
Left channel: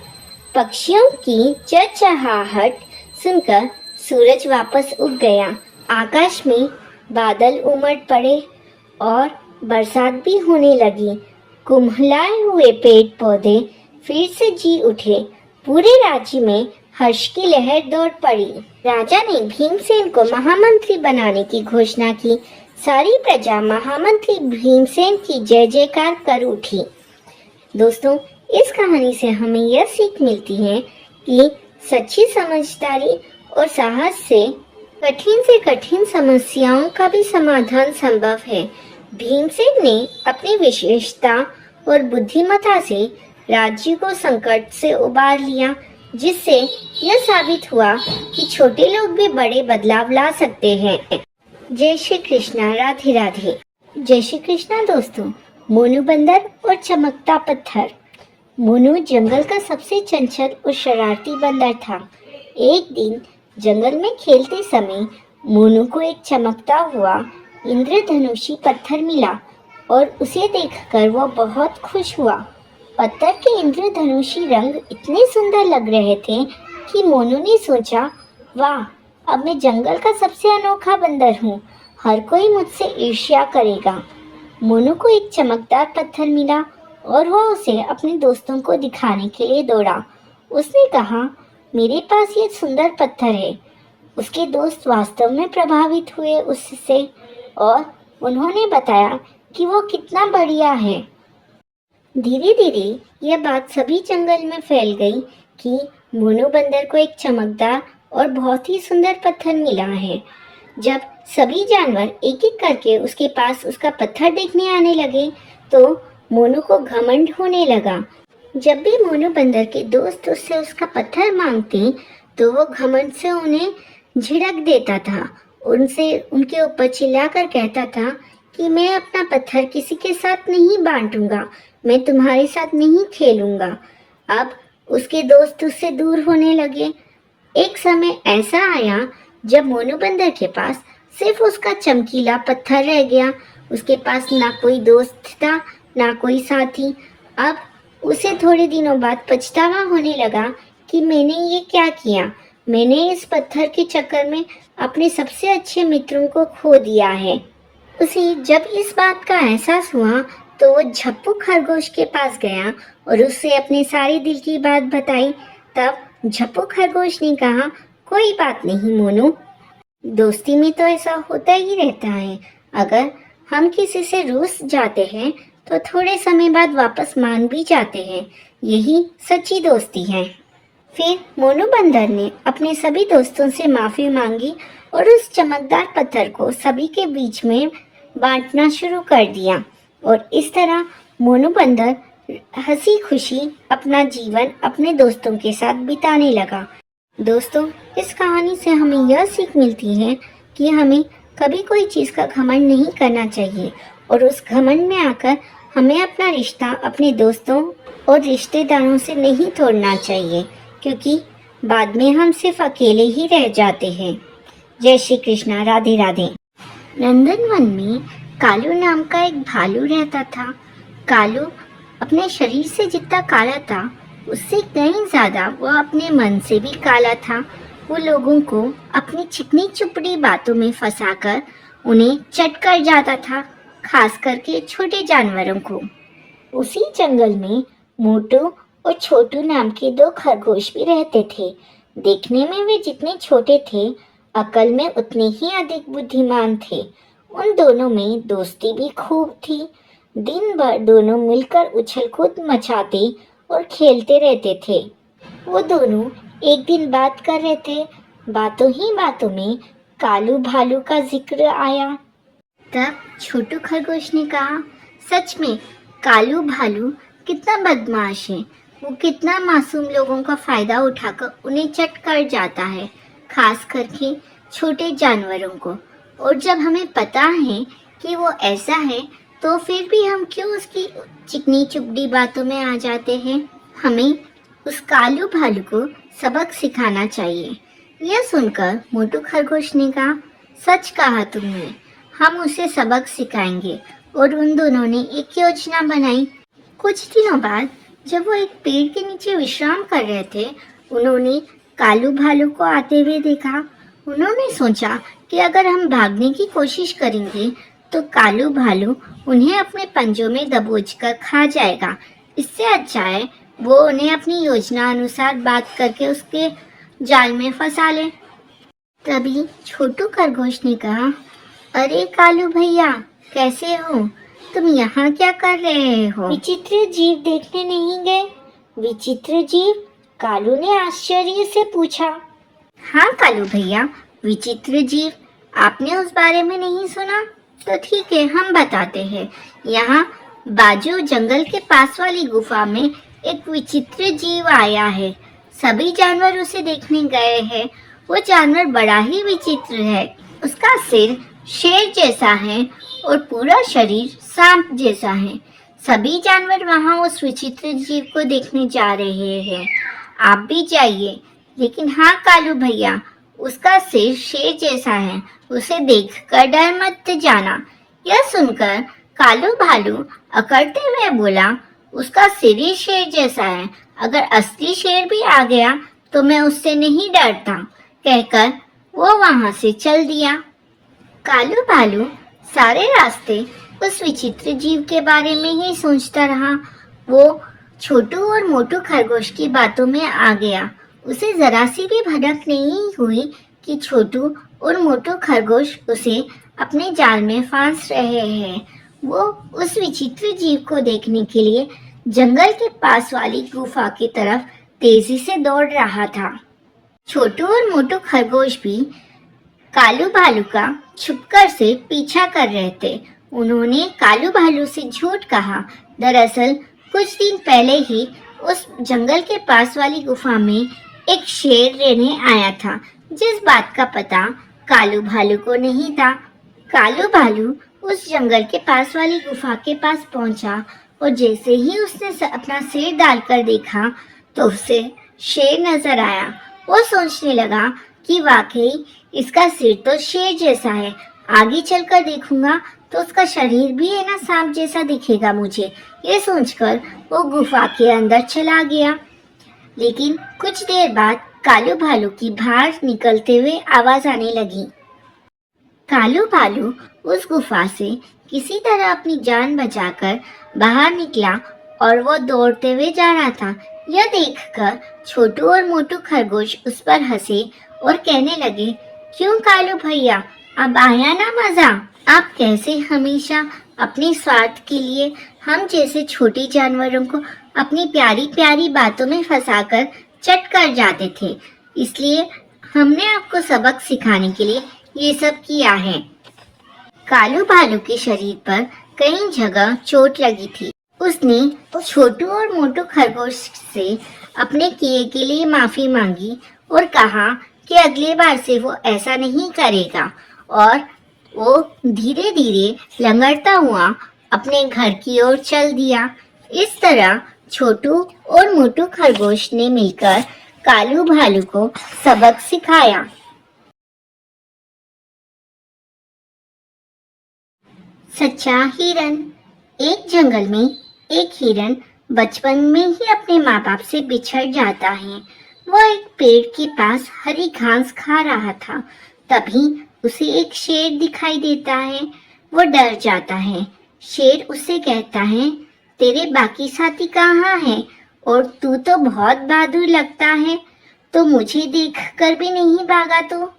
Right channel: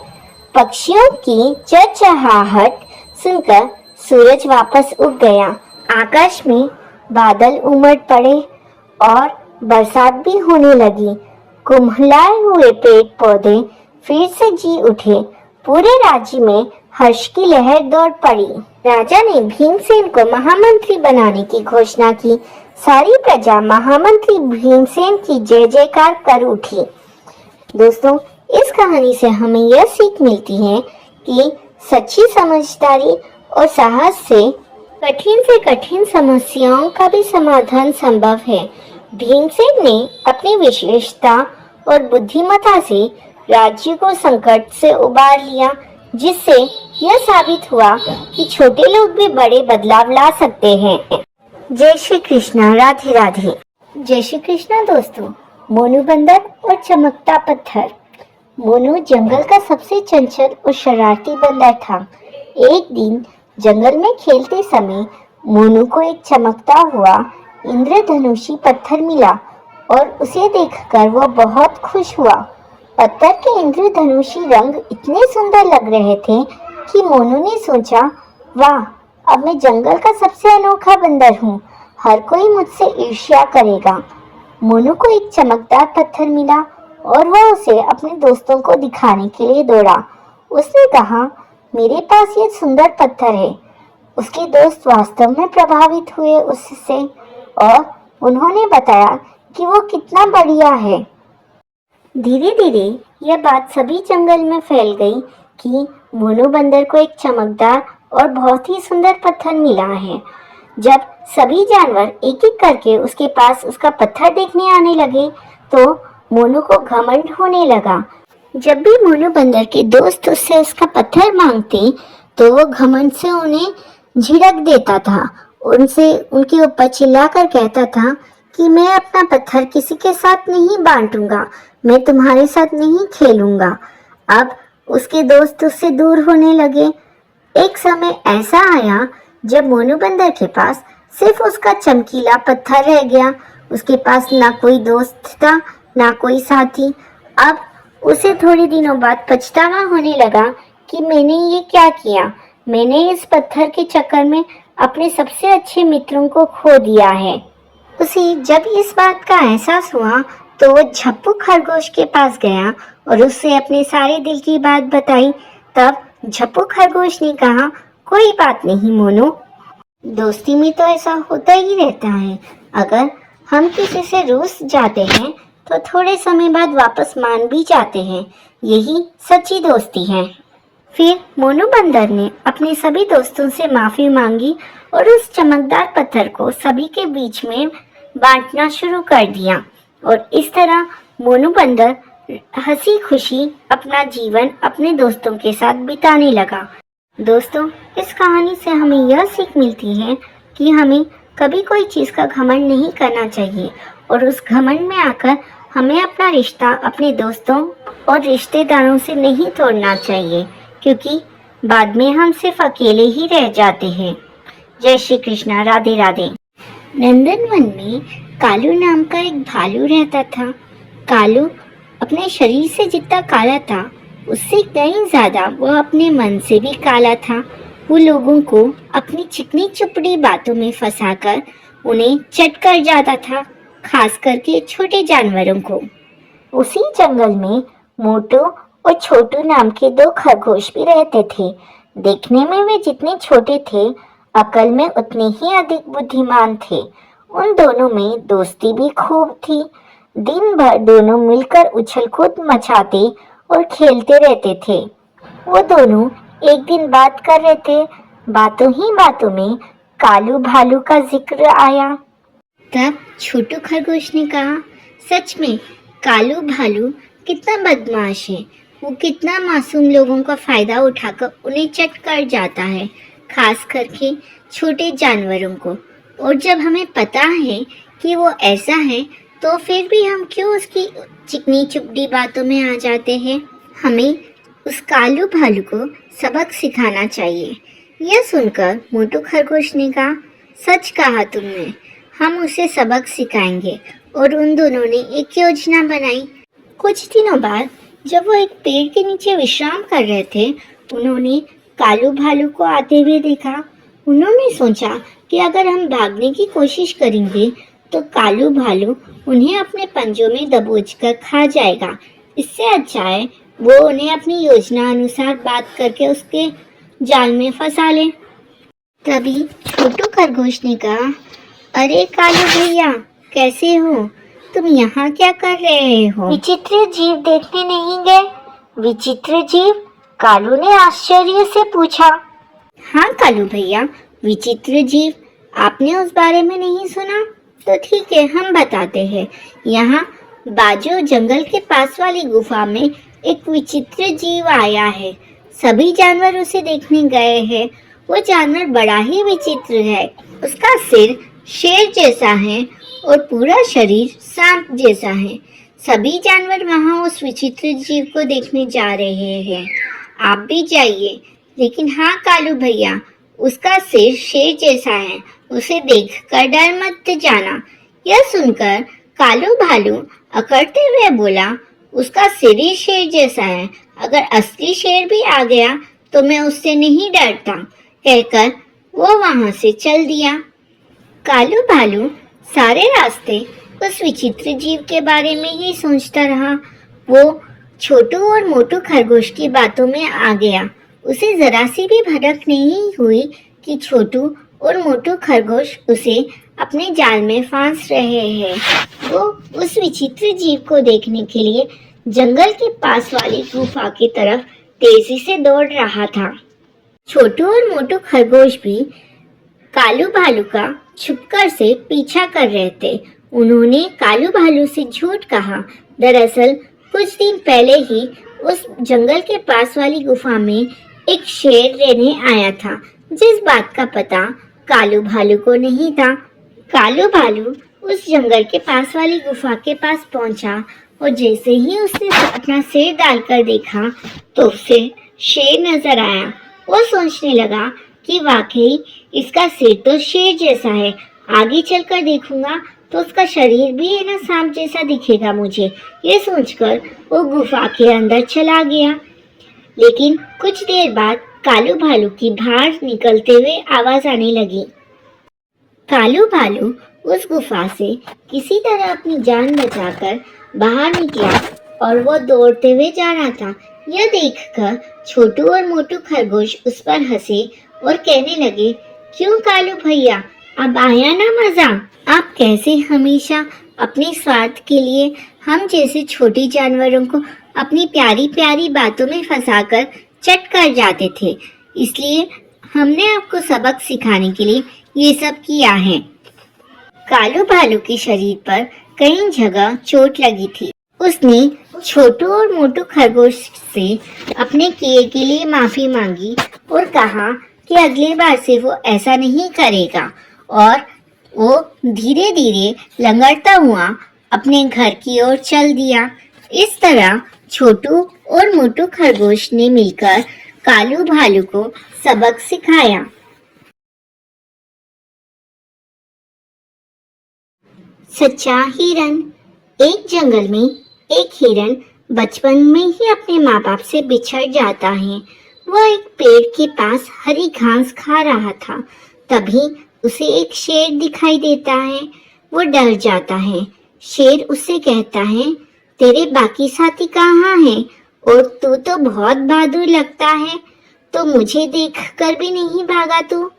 पक्षियों की चहचहाहट सुनकर सूरज वापस उग गया। आकाश में बादल उमड़ पड़े और बरसात भी होने लगी। कुम्हलाए हुए पेड़ पौधे फिर से जी उठे। पूरे राज्य में हर्ष की लहर दौड़ पड़ी। राजा ने भीमसेन को महामंत्री बनाने की घोषणा की। सारी प्रजा महामंत्री भीमसेन की जय जयकार कर उठी। दोस्तों, इस कहानी से हमें यह सीख मिलती है कि सच्ची समझदारी और साहस से कठिन समस्याओं का भी समाधान संभव है। भीमसेन ने अपनी विशेषता और बुद्धिमत्ता से राज्य को संकट से उबार लिया, जिससे यह साबित हुआ कि छोटे लोग भी बड़े बदलाव ला सकते हैं। जय श्री कृष्णा। राधे राधे। जय श्री कृष्णा। दोस्तों, मोनू बंदर और चमकता पत्थर। मोनू जंगल का सबसे चंचल और शरारती बंदर था। एक दिन जंगल में खेलते समय मोनू को एक चमकता हुआ इंद्रधनुषी पत्थर मिला और उसे देखकर वह बहुत खुश हुआ। पत्थर के इंद्रधनुषी रंग इतने सुंदर लग रहे थे कि मोनू ने सोचा, वाह, अब मैं जंगल का सबसे अनोखा बंदर हूँ। हर कोई मुझसे ईर्ष्या करेगा। मोनू को एक चमकदार पत्थर मिला और वह उसे अपने दोस्तों को दिखाने के लिए दौड़ा। उसने कहा, मेरे पास ये सुंदर पत्थर है। उसके दोस्त वास्तव में प्रभावित हुए उससे और उन्होंने बताया कि वो कितना बढ़िया है। धीरे धीरे यह बात सभी जंगल में फैल गई कि मोनू बंदर को एक चमकदार और बहुत ही सुंदर पत्थर मिला है। जब सभी जानवर एक एक करके उसके पास उसका पत्थर देखने आने लगे तो मोनू को घमंड होने लगा। जब भी मोनू बंदर के दोस्त उससे उसका पत्थर मांगते तो वो घमंड से उन्हें झिड़क देता था, उनसे उनके ऊपर चिल्लाकर कहता था कि मैं अपना पत्थर किसी के साथ नहीं बांटूंगा, मैं तुम्हारे साथ नहीं खेलूंगा। अब उसके दोस्त उससे दूर होने लगे। एक समय ऐसा आया जब मोनू बंदर के पास सिर्फ उसका चमकीला पत्थर रह गया। उसके पास ना कोई दोस्त था ना कोई साथी। अब उसे थोड़े दिनों बाद पछतावा होने लगा कि मैंने ये क्या किया। मैंने इस पत्थर के चक्कर में अपने सबसे अच्छे मित्रों को खो दिया है। उसे जब इस बात का एहसास हुआ तो वो झप्पू खरगोश के पास गया और उससे अपने सारे दिल की बात बताई। तब झप्पू खरगोश ने कहा, कोई बात नहीं मोनू, दोस्ती में तो ऐसा होता ही रहता है। अगर हम किसी से रूस जाते हैं तो थोड़े समय बाद वापस मान भी जाते हैं, यही सच्ची दोस्ती है। फिर मोनू बंदर ने अपने सभी दोस्तों से माफी मांगी और उस चमकदार पत्थर को सभी के बीच में बांटना शुरू कर दिया और इस तरह मोनू बंदर हंसी खुशी अपना जीवन अपने दोस्तों के साथ बिताने लगा। दोस्तों, इस कहानी से हमें यह सीख मिलती है कि हमें कभी कोई चीज़ का घमंड नहीं करना चाहिए और उस घमंड में आकर हमें अपना रिश्ता अपने दोस्तों और रिश्तेदारों से नहीं तोड़ना चाहिए, क्योंकि बाद में हम सिर्फ अकेले ही रह जाते हैं। जय श्री कृष्णा, राधे राधे। नंदनवन में कालू नाम का एक भालू रहता था। कालू अपने शरीर से जितना काला था उससे कहीं ज्यादा वो अपने मन से भी काला था। वो लोगों को अपनी चिकनी चुपड़ी बातों में फंसाकर उन्हें चट कर जाता था, खास करके छोटे जानवरों को। उसी जंगल में मोटू और छोटू नाम के दो खरगोश भी रहते थे। देखने में वे जितने छोटे थे, अकल में उतने ही अधिक बुद्धिमान थे। उन दोनों में दोस्ती भी खूब थी। दिन भर दोनों मिलकर उछल कूद मचाते और खेलते रहते थे। वो दोनों एक दिन बात कर रहे थे। बातों ही बातों में कालू भालू का जिक्र आया। तब छोटू खरगोश ने कहा, सच में कालू भालू कितना बदमाश है। वो कितना मासूम लोगों का फायदा उठाकर उन्हें चट कर जाता है, खास करके छोटे जानवरों को। और जब हमें पता है कि वो ऐसा है तो फिर भी हम क्यों उसकी चिकनी चुपड़ी बातों में आ जाते हैं। हमें उस कालू भालू को सबक सिखाना चाहिए। यह सुनकर मोटू खरगोश ने कहा, सच कहा तुमने, हम उसे सबक सिखाएंगे। और उन दोनों ने एक योजना बनाई। कुछ दिनों बाद जब वो एक पेड़ के नीचे विश्राम कर रहे थे, उन्होंने कालू भालू को आते हुए देखा। उन्होंने सोचा कि अगर हम भागने की कोशिश करेंगे तो कालू भालू उन्हें अपने पंजों में दबोचकर खा जाएगा। इससे अच्छा है वो उन्हें अपनी योजना अनुसार बात करके उसके जाल में फंसा ले। तभी छोटू खरगोश ने कहा, अरे कालू भैया, कैसे हो? तुम यहाँ क्या कर रहे हो? विचित्र जीव देखने नहीं गए? विचित्र जीव? कालू ने आश्चर्य से पूछा। हाँ कालू भैया, विचित्र जीव, आपने उस बारे में नहीं सुना? तो ठीक है, हम बताते हैं। यहाँ बाजू जंगल के पास वाली गुफा में एक विचित्र जीव आया है। सभी जानवर उसे देखने गए हैं। वो जानवर बड़ा ही विचित्र है। उसका सिर शेर जैसा है और पूरा शरीर सांप जैसा है। सभी जानवर वहाँ उस विचित्र जीव को देखने जा रहे हैं। आप भी जाइए। लेकिन हाँ कालू भैया, उसका सिर शेर जैसा है, उसे देखकर डर मत जाना। यह सुनकर कालू भालू अकड़ते हुए बोला, उसका सिर ही शेर जैसा है, अगर असली शेर भी आ गया तो मैं उससे नहीं डरता, कहकर वो वहां से चल दिया। कालू भालू सारे रास्ते उस विचित्र जीव के बारे में ही सोचता रहा। वो छोटू और मोटू खरगोश की बातों में आ गया। उसे जरा सी भी भनक नहीं हुई कि छोटू और मोटू खरगोश उसे अपने जाल में फांस रहे हैं। वो उस विचित्र जीव को देखने के लिए जंगल के पास वाली गुफा की तरफ तेजी से दौड़ रहा था। छोटू और मोटू खरगोश भी कालू भालू का छुपकर से पीछा कर रहे थे। उन्होंने कालू भालू से झूठ कहा। दरअसल कुछ दिन पहले ही उस जंगल के पास वाली गुफा में एक शेर रहने आया था, जिस बात का पता कालू भालू को नहीं था। कालू भालू उस जंगल के पास वाली गुफा के पास पहुंचा और जैसे ही उसने अपना सिर डालकर देखा तो उसे शेर नजर आया। वो सोचने लगा कि वाकई इसका सिर तो शेर जैसा है, आगे चलकर देखूंगा तो उसका शरीर भी है ना सांप जैसा दिखेगा मुझे। ये सोचकर वो गुफा के अंदर चला गया। लेकिन कुछ देर बाद कालू भालू की बाहर निकलते हुए आवाज आने लगी। कालू भालू उस गुफा से किसी तरह अपनी जान बचाकर बाहर निकला और वो दौड़ते हुए जा रहा था। यह देखकर छोटू और मोटू खरगोश उस पर हंसे और कहने लगे, क्यों कालू भैया, अब आया ना मजा? आप कैसे हमेशा अपने स्वार्थ के लिए हम जैसे छोटे जानवरों को अपनी प्यारी प्यारी बातों में फंसाकर चट कर जाते थे, इसलिए हमने आपको सबक सिखाने के लिए ये सब किया है। कालू भालू के शरीर पर कई जगह चोट लगी थी। उसने छोटू और मोटू खरगोश से अपने किए के लिए माफी मांगी और कहा कि अगली बार से वो ऐसा नहीं करेगा, और वो धीरे धीरे लंगड़ता हुआ अपने घर की ओर चल दिया। इस तरह छोटू और मोटू खरगोश ने मिलकर कालू भालू को सबक सिखाया। सच्चा हिरन। एक जंगल में एक हिरन बचपन में ही अपने माँ बाप से बिछड़ जाता है। वह एक पेड़ के पास हरी घास खा रहा था। तभी उसे एक शेर दिखाई देता है। वो डर जाता है। शेर उससे कहता है, तेरे बाकी साथी कहाँ हैं? और तू तो बहुत बहादुर लगता है, तो मुझे देखकर भी नहीं भागा तू?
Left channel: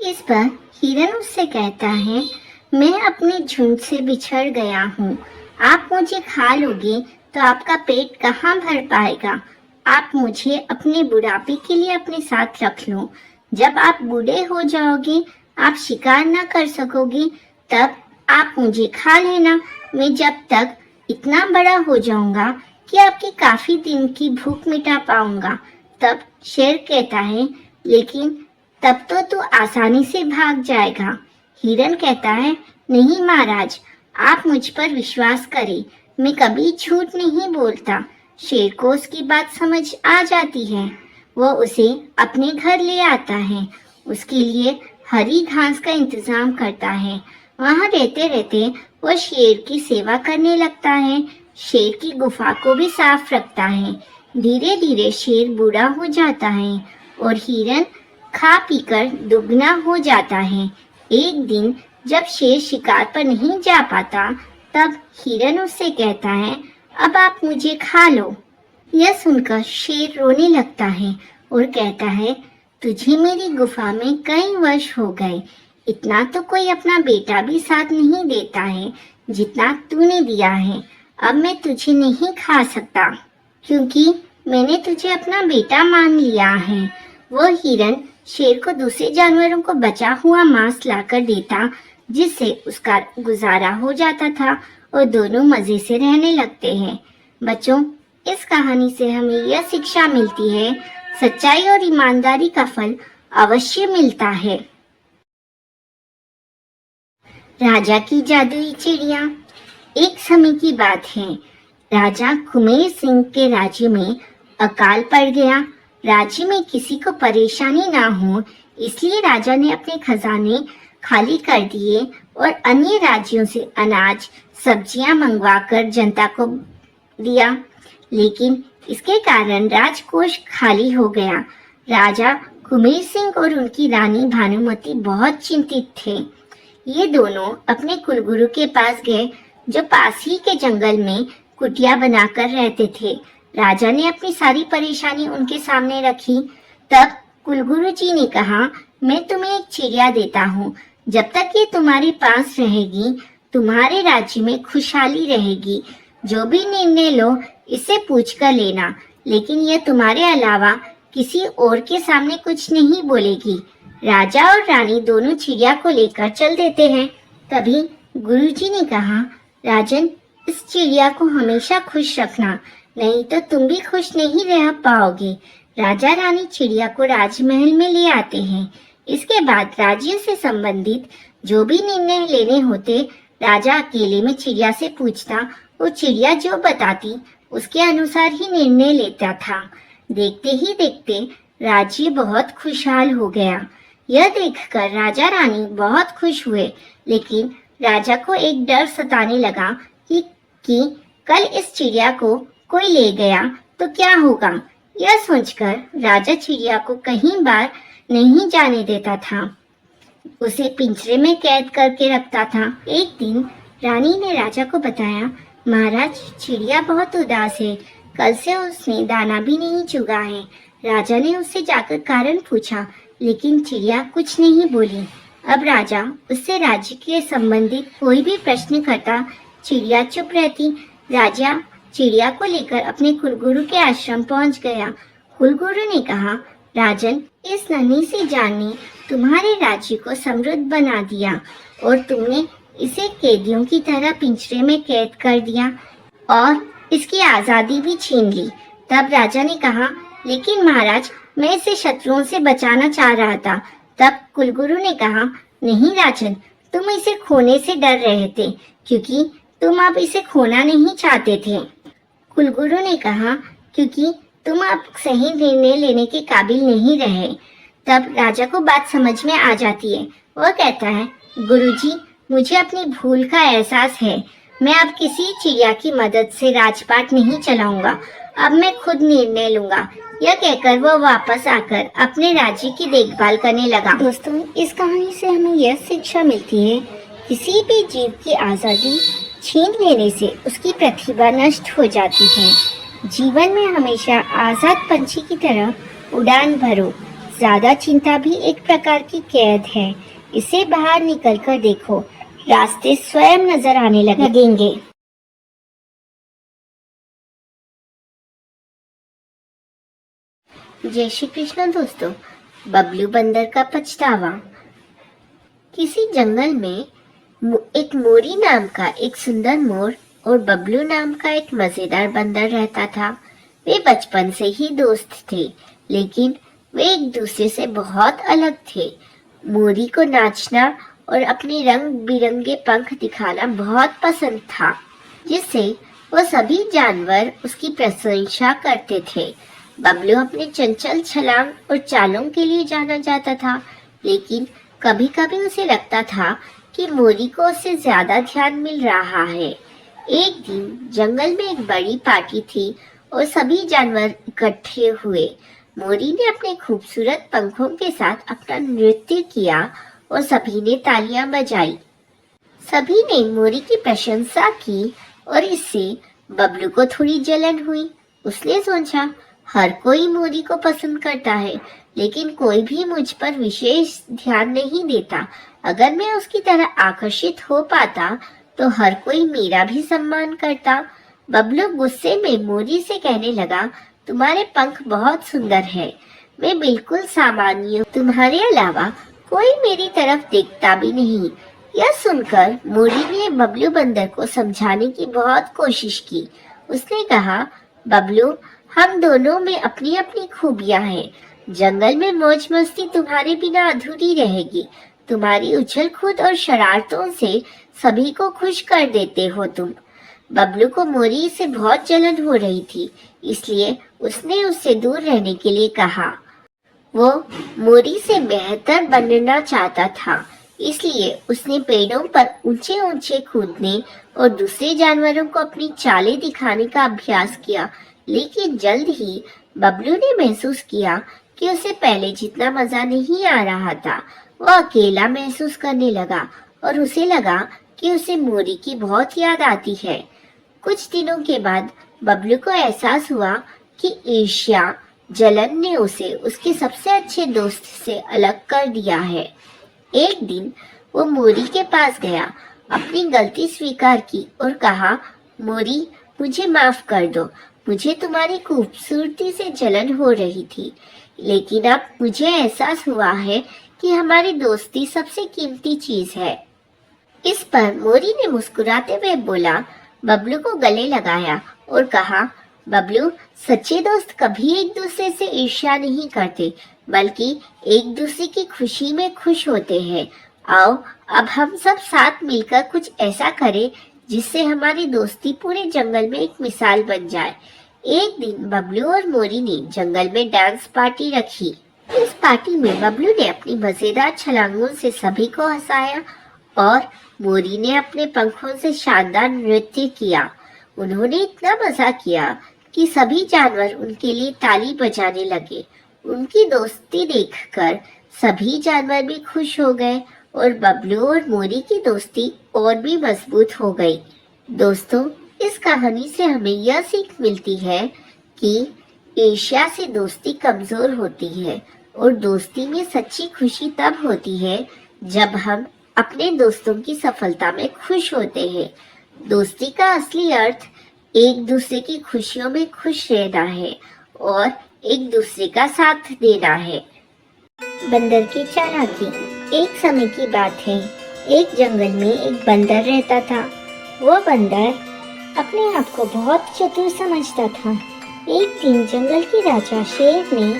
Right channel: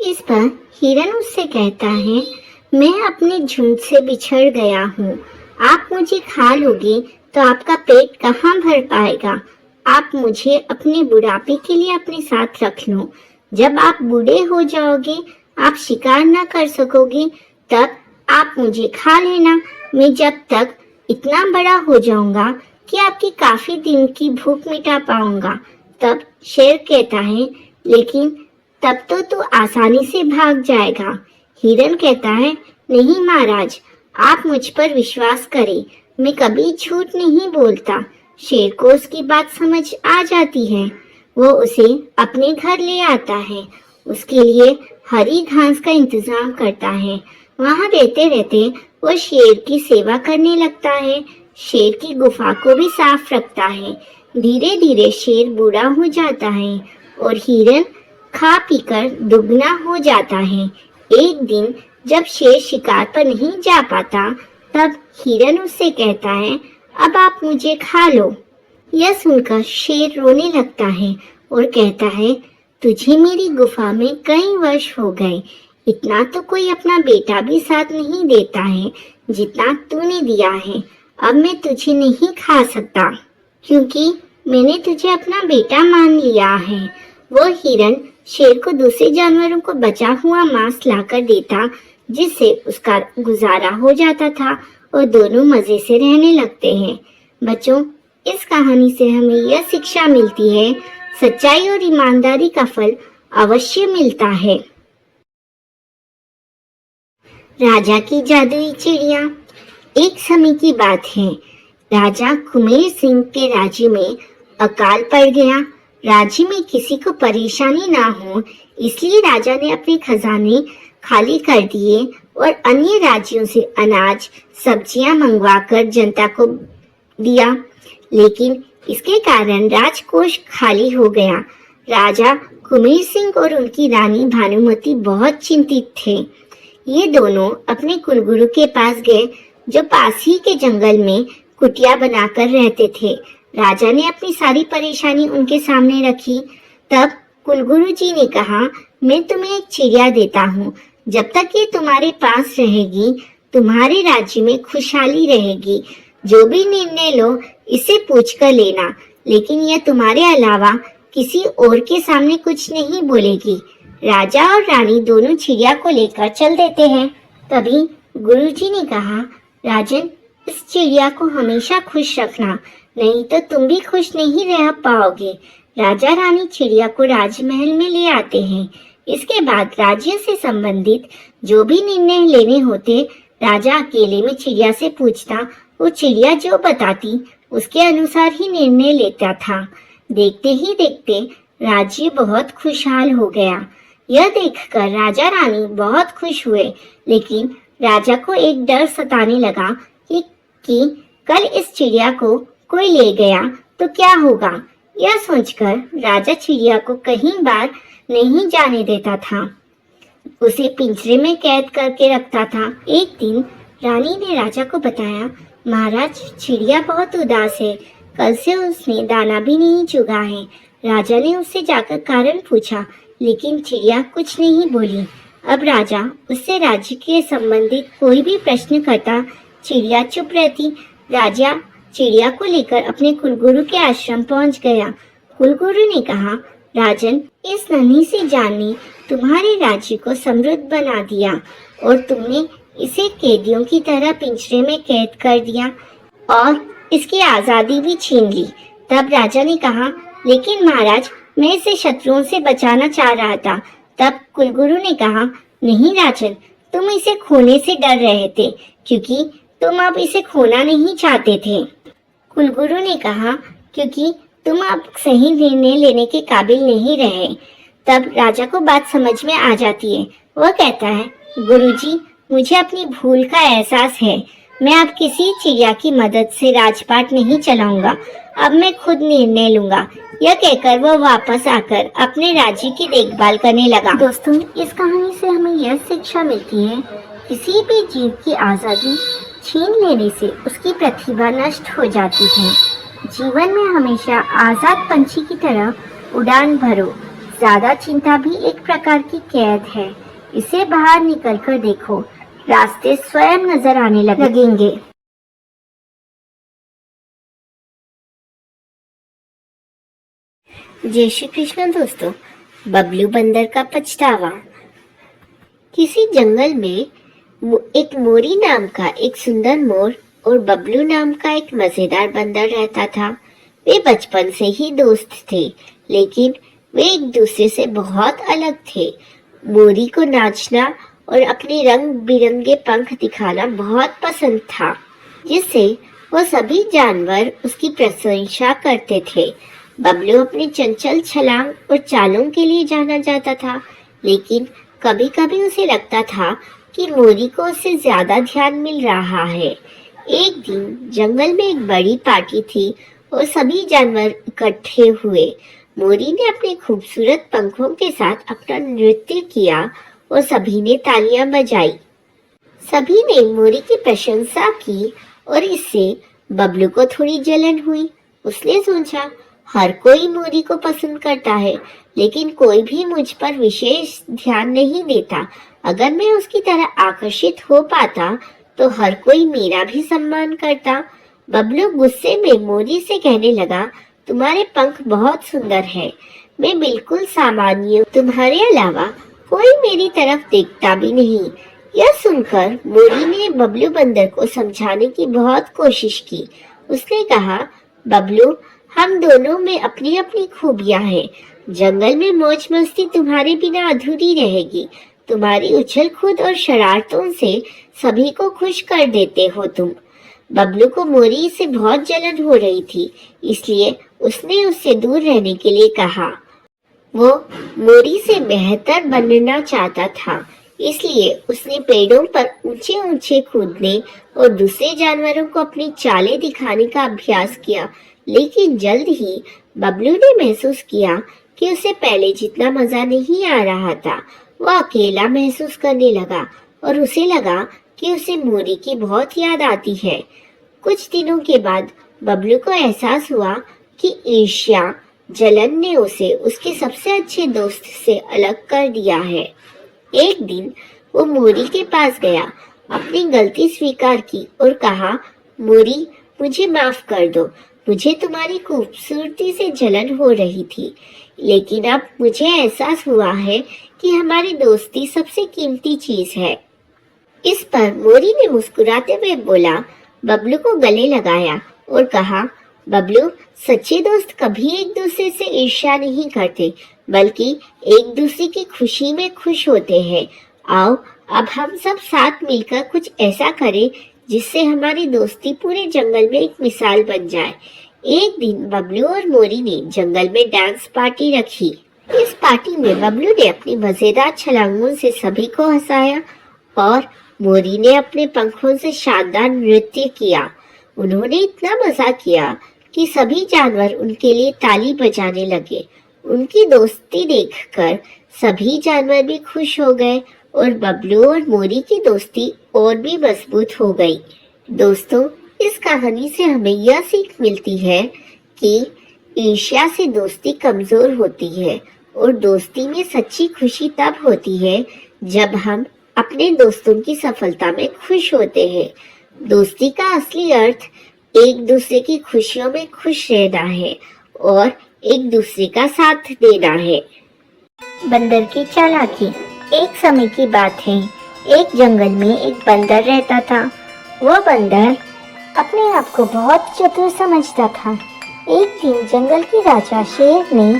इस पर हिरन उससे कहता है, मैं अपने झुंड से बिछड़ गया हूँ। आप मुझे खा लोगे तो आपका पेट कहाँ भर पाएगा। आप मुझे अपने बुढ़ापे के लिए अपने साथ रख लो। जब आप बूढ़े हो जाओगे, आप शिकार न कर सकोगे, तब आप मुझे खा लेना। मैं जब तक इतना बड़ा हो जाऊंगा कि आपकी काफी दिन की भूख मिटा पाऊंगा। तब शेर कहता है, लेकिन तब तो तू आसानी से भाग जाएगा। हिरन कहता है, नहीं महाराज, आप मुझ पर विश्वास करें, मैं कभी झूठ नहीं बोलता। शेर को उसकी बात समझ आ जाती है। वो उसे अपने घर ले आता है, उसके लिए हरी घास का इंतजाम करता है। वहाँ रहते रहते वो शेर की सेवा करने लगता है। शेर की गुफा को भी साफ रखता है। धीरे धीरे शेर बूढ़ा हो जाता है और हिरन खा पीकर दुगना हो जाता है। एक दिन जब शेर शिकार पर नहीं जा पाता, तब हिरन उससे कहता है, अब आप मुझे खा लो। यह सुनकर शेर रोने लगता है और कहता है, तुझे मेरी गुफा में कई वर्ष हो गए, इतना तो कोई अपना बेटा भी साथ नहीं देता है जितना तूने दिया है। अब मैं तुझे नहीं खा सकता, क्योंकि मैंने तुझे अपना बेटा मान लिया है। वो हिरन शेर को दूसरे जानवरों को बचा हुआ मांस लाकर देता, जिससे उसका गुजारा हो जाता था और दोनों मजे से रहने लगते हैं। बच्चों, इस कहानी से हमें यह शिक्षा मिलती है, सच्चाई और ईमानदारी का फल अवश्य मिलता है। राजा की जादुई चिड़िया। एक समय की बात है, राजा कुमेर सिंह के राज्य में अकाल पड़ गया। राज्य में किसी को परेशानी ना हो, इसलिए राजा ने अपने खजाने खाली कर दिए और अन्य राज्यों से अनाज, सब्जियां मंगवाकर जनता को दिया। लेकिन इसके कारण राजकोष खाली हो गया। राजा कुमेर सिंह और उनकी रानी भानुमती बहुत चिंतित थे। ये दोनों अपने कुलगुरु के पास गए, जो पास ही के जंगल में कुटिया बनाकर रहते थे। राजा ने अपनी सारी परेशानी उनके सामने रखी। तब कुलगुरु जी ने कहा, मैं तुम्हें एक चिड़िया देता हूँ। जब तक ये तुम्हारे पास रहेगी, तुम्हारे राज्य में खुशहाली रहेगी। जो भी निर्णय लो, इसे पूछ कर लेना, लेकिन यह तुम्हारे अलावा किसी और के सामने कुछ नहीं बोलेगी। राजा और रानी दोनों चिड़िया को लेकर चल देते हैं। तभी गुरुजी ने कहा, राजन, इस चिड़िया को हमेशा खुश रखना, नहीं तो तुम भी खुश नहीं रह पाओगे। राजा रानी चिड़िया को राजमहल में ले आते हैं। इसके बाद राज्य से संबंधित जो भी निर्णय लेने होते, राजा अकेले में चिड़िया से पूछता। वो चिड़िया जो बताती उसके अनुसार ही निर्णय लेता था। देखते ही देखते राज्य बहुत खुशहाल हो गया। यह देखकर राजा रानी बहुत खुश हुए, लेकिन राजा को एक डर सताने लगा कि कल इस चिड़िया को कोई ले गया तो क्या होगा। यह सोचकर राजा चिड़िया को कहीं बार नहीं जाने देता था, उसे पिंजरे में कैद करके रखता था। एक दिन रानी ने राजा को बताया, महाराज, चिड़िया बहुत उदास है, कल से उसने दाना भी नहीं चुगा है। राजा ने उससे जाकर कारण पूछा, लेकिन चिड़िया कुछ नहीं बोली। अब राजा उससे राज्य के संबंधित कोई भी प्रश्न करता, चिड़िया चुप रहती। राजा चिड़िया को लेकर अपने कुलगुरु के आश्रम पहुंच गया। कुलगुरु ने कहा, राजन, इस नन्ही सी जान ने तुम्हारे राज्य को समृद्ध बना दिया और तुमने इसे कैदियों की तरह पिंजरे में कैद कर दिया और इसकी आजादी भी छीन ली। तब राजा ने कहा, लेकिन महाराज, मैं इसे शत्रुओं से बचाना चाह रहा था। तब कुलगुरु ने कहा, नहीं राजन, तुम इसे खोने से डर रहे थे, क्योंकि तुम अब इसे खोना नहीं चाहते थे। कुलगुरु ने कहा, क्योंकि तुम अब सही निर्णय लेने के काबिल नहीं रहे। तब राजा को बात समझ में आ जाती है। वह कहता है, गुरुजी, मुझे अपनी भूल का एहसास है। मैं अब किसी चिड़िया की मदद से राजपाट नहीं चलाऊंगा। अब मैं खुद निर्णय लूंगा। यह कहकर वो वापस आकर अपने राज्य की देखभाल करने लगा। दोस्तों, इस कहानी से हमें यह शिक्षा मिलती है, किसी भी जीव की आजादी छीन लेने से उसकी प्रतिभा नष्ट हो जाती है। जीवन में हमेशा आजाद पंछी की तरह उड़ान भरो। ज्यादा चिंता भी एक प्रकार की कैद है। इसे बाहर निकल कर देखो, रास्ते स्वयं नजर आने लगेंगे। जय श्री कृष्ण। दोस्तों, बबलू बंदर का पछतावा। किसी जंगल में एक मोरी नाम का एक सुंदर मोर और बबलू नाम का एक मजेदार बंदर रहता था। वे बचपन से ही दोस्त थे, लेकिन वे एक दूसरे से बहुत अलग थे। मोरी को नाचना और अपने रंग बिरंगे पंख दिखाना बहुत पसंद था, जिससे वो सभी जानवर उसकी प्रशंसा करते थे। बबलू अपने चंचल छलांग और चालों के लिए जाना जाता था, लेकिन कभी कभी उसे लगता था कि मोरी को उससे ज्यादा ध्यान मिल रहा है। एक दिन जंगल में एक बड़ी पार्टी थी और सभी जानवर इकट्ठे हुए। मोरी ने अपने खूबसूरत पंखों के साथ अपना नृत्य किया और सभी ने तालियां बजाई। सभी ने मोरी की प्रशंसा की और इससे बबलू को थोड़ी जलन हुई। उसने सोचा, हर कोई मोरी को पसंद करता है, लेकिन कोई भी मुझ पर विशेष ध्यान नहीं देता। अगर मैं उसकी तरह आकर्षित हो पाता तो हर कोई मेरा भी सम्मान करता। बबलू गुस्से में मोरी से कहने लगा, तुम्हारे पंख बहुत सुंदर हैं, मैं बिल्कुल सामान्य हूँ, तुम्हारे अलावा कोई मेरी तरफ देखता भी नहीं। यह सुनकर मोरी ने बबलू बंदर को समझाने की बहुत कोशिश की। उसने कहा, बबलू, हम दोनों में अपनी अपनी खूबियां हैं। जंगल में मौज मस्ती तुम्हारे बिना अधूरी रहेगी। तुम्हारी उछल कूद और शरारतों से सभी को खुश कर देते हो तुम। बबलू को मोरी से बहुत जलन हो रही थी, इसलिए उसने उससे दूर रहने के लिए कहा। वो मोरी से बेहतर बनना चाहता था, इसलिए उसने पेड़ों पर ऊंचे ऊंचे कूदने और दूसरे जानवरों को अपनी चालें दिखाने का अभ्यास किया। लेकिन जल्द ही बबलू ने महसूस किया कि उसे पहले जितना मजा नहीं आ रहा था। वह अकेला महसूस करने लगा और उसे लगा कि उसे मोरी की बहुत याद आती है। कुछ दिनों के बाद बबलू को एहसास हुआ कि ईर्ष्या, जलन ने उसे उसके सबसे अच्छे दोस्त से अलग कर दिया है। एक दिन वो मोरी के पास गया, अपनी गलती स्वीकार की और कहा, मोरी, मुझे माफ कर दो। मुझे तुम्हारी खूबसूरती से जलन हो रही थी, लेकिन अब मुझे एहसास हुआ है कि हमारी दोस्ती सबसे कीमती चीज है। इस पर मोरी ने मुस्कुराते हुए बोला, बबलू को गले लगाया और कहा, बबलू, सच्चे दोस्त कभी एक दूसरे से ईर्ष्या नहीं करते, बल्कि एक दूसरे की खुशी में खुश होते हैं। आओ अब हम सब साथ मिलकर कुछ ऐसा करें जिससे हमारी दोस्ती पूरे जंगल में एक मिसाल बन जाए। एक दिन बबलू और मोरी ने जंगल में डांस पार्टी रखी। इस पार्टी में बबलू ने अपनी मजेदार छलांगों से सभी को हंसाया और मोरी ने अपने पंखों से शानदार नृत्य किया। उन्होंने इतना मजा किया कि सभी जानवर उनके लिए ताली बजाने लगे। उनकी दोस्ती देखकर सभी जानवर भी खुश हो गए और बबलू और मोरी की दोस्ती और भी मजबूत हो गई। दोस्तों, इस कहानी से हमें यह सीख मिलती है कि ईर्ष्या से दोस्ती कमजोर होती है और दोस्ती में सच्ची खुशी तब होती है जब हम अपने दोस्तों की सफलता में खुश होते हैं। दोस्ती का असली अर्थ एक दूसरे की खुशियों में खुश रहना है और एक दूसरे का साथ देना है। बंदर की चालाकी। एक समय की बात है, एक जंगल में एक बंदर रहता था। वो बंदर अपने आप को बहुत चतुर समझता था। एक दिन जंगल के राजा शेर ने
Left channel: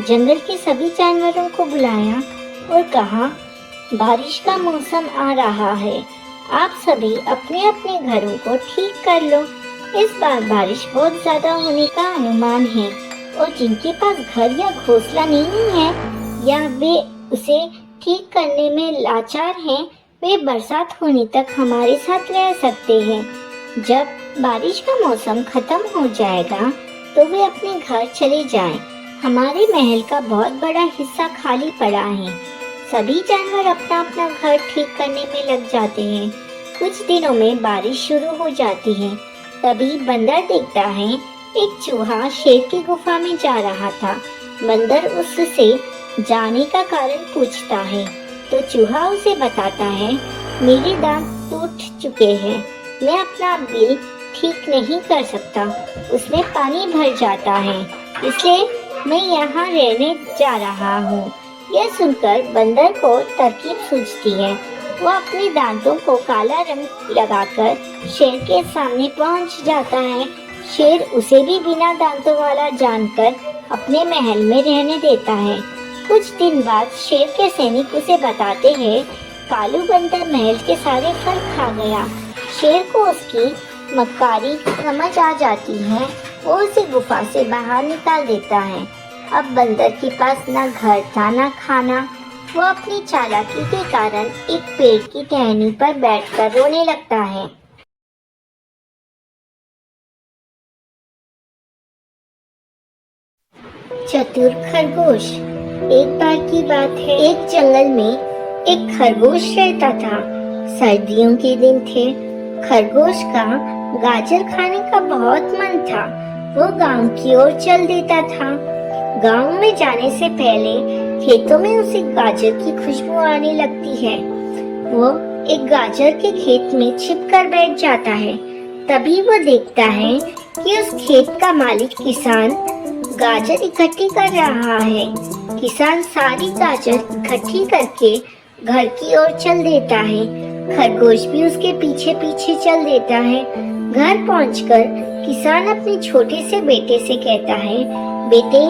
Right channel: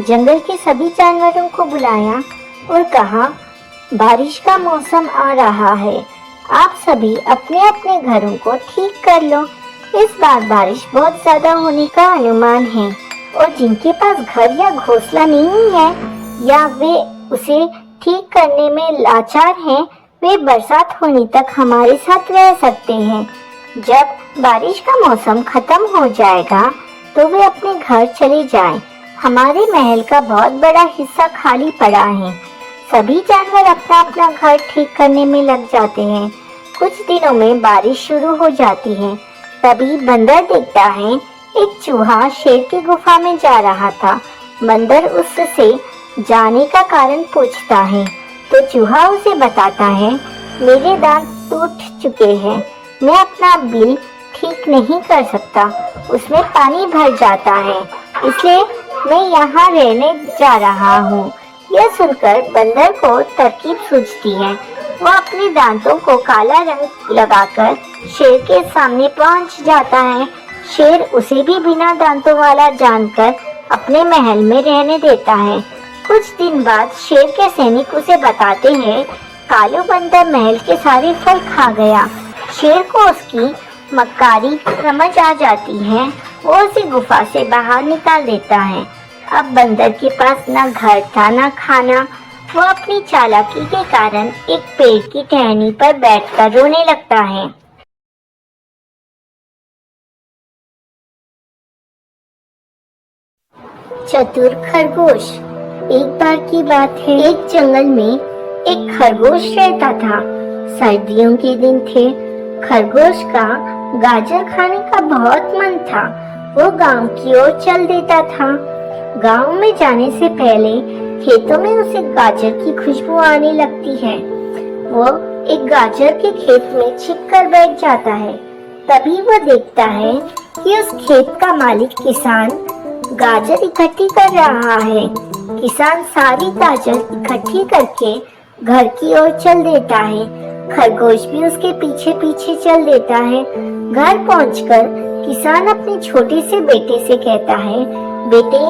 जंगल के सभी जानवरों को बुलाया और कहा, बारिश का मौसम आ रहा है, आप सभी अपने अपने घरों को ठीक कर लो। इस बार बारिश बहुत ज्यादा होने का अनुमान है और जिनके पास घर या घोंसला नहीं है या वे उसे ठीक करने में लाचार हैं, वे बरसात होने तक हमारे साथ रह सकते हैं। जब बारिश का मौसम खत्म हो जाएगा तो वे अपने घर चले जाएं। हमारे महल का बहुत बड़ा हिस्सा खाली पड़ा है। सभी जानवर अपना अपना घर ठीक करने में लग जाते हैं। कुछ दिनों में बारिश शुरू हो जाती है। तभी बंदर देखता है एक चूहा शेर की गुफा में जा रहा था। बंदर उससे जाने का कारण पूछता है तो चूहा उसे बताता है, मेरे दांत टूट चुके हैं, मैं अपना बिल ठीक नहीं कर सकता, उसमें पानी भर जाता है, इसलिए मैं यहाँ रहने जा रहा हूँ। यह सुनकर बंदर को तरकीब सूझती है। वो अपने दांतों को काला रंग लगाकर शेर के सामने पहुँच जाता है। शेर उसे भी बिना दांतों वाला जानकर अपने महल में रहने देता है। कुछ दिन बाद शेर के सैनिक उसे बताते हैं, कालू बंदर महल के सारे फल खा गया। शेर को उसकी मक्कारी समझ आ जाती है और उसे गुफा से बाहर निकाल देता है। अब बंदर के पास ना घर था ना खाना। वो अपनी चालाकी के कारण एक पेड़ की टहनी पर बैठकर रोने लगता है। चतुर खरगोश। एक बार की बात है, एक जंगल में एक खरगोश रहता था। सर्दियों के दिन थे। खरगोश का गाजर खाने का बहुत मन था। वो गांव की ओर चल देता था। गांव में जाने से पहले खेतों में उसे गाजर की खुशबू आने लगती है। वो एक गाजर के खेत में छिपकर बैठ जाता है। तभी वो देखता है कि उस खेत का मालिक किसान गाजर इकट्ठी कर रहा है। किसान सारी गाजर इकट्ठी करके घर की ओर चल देता है। खरगोश भी उसके पीछे पीछे चल देता है। घर पहुंचकर किसान अपने छोटे से बेटे से कहता है, बेटे,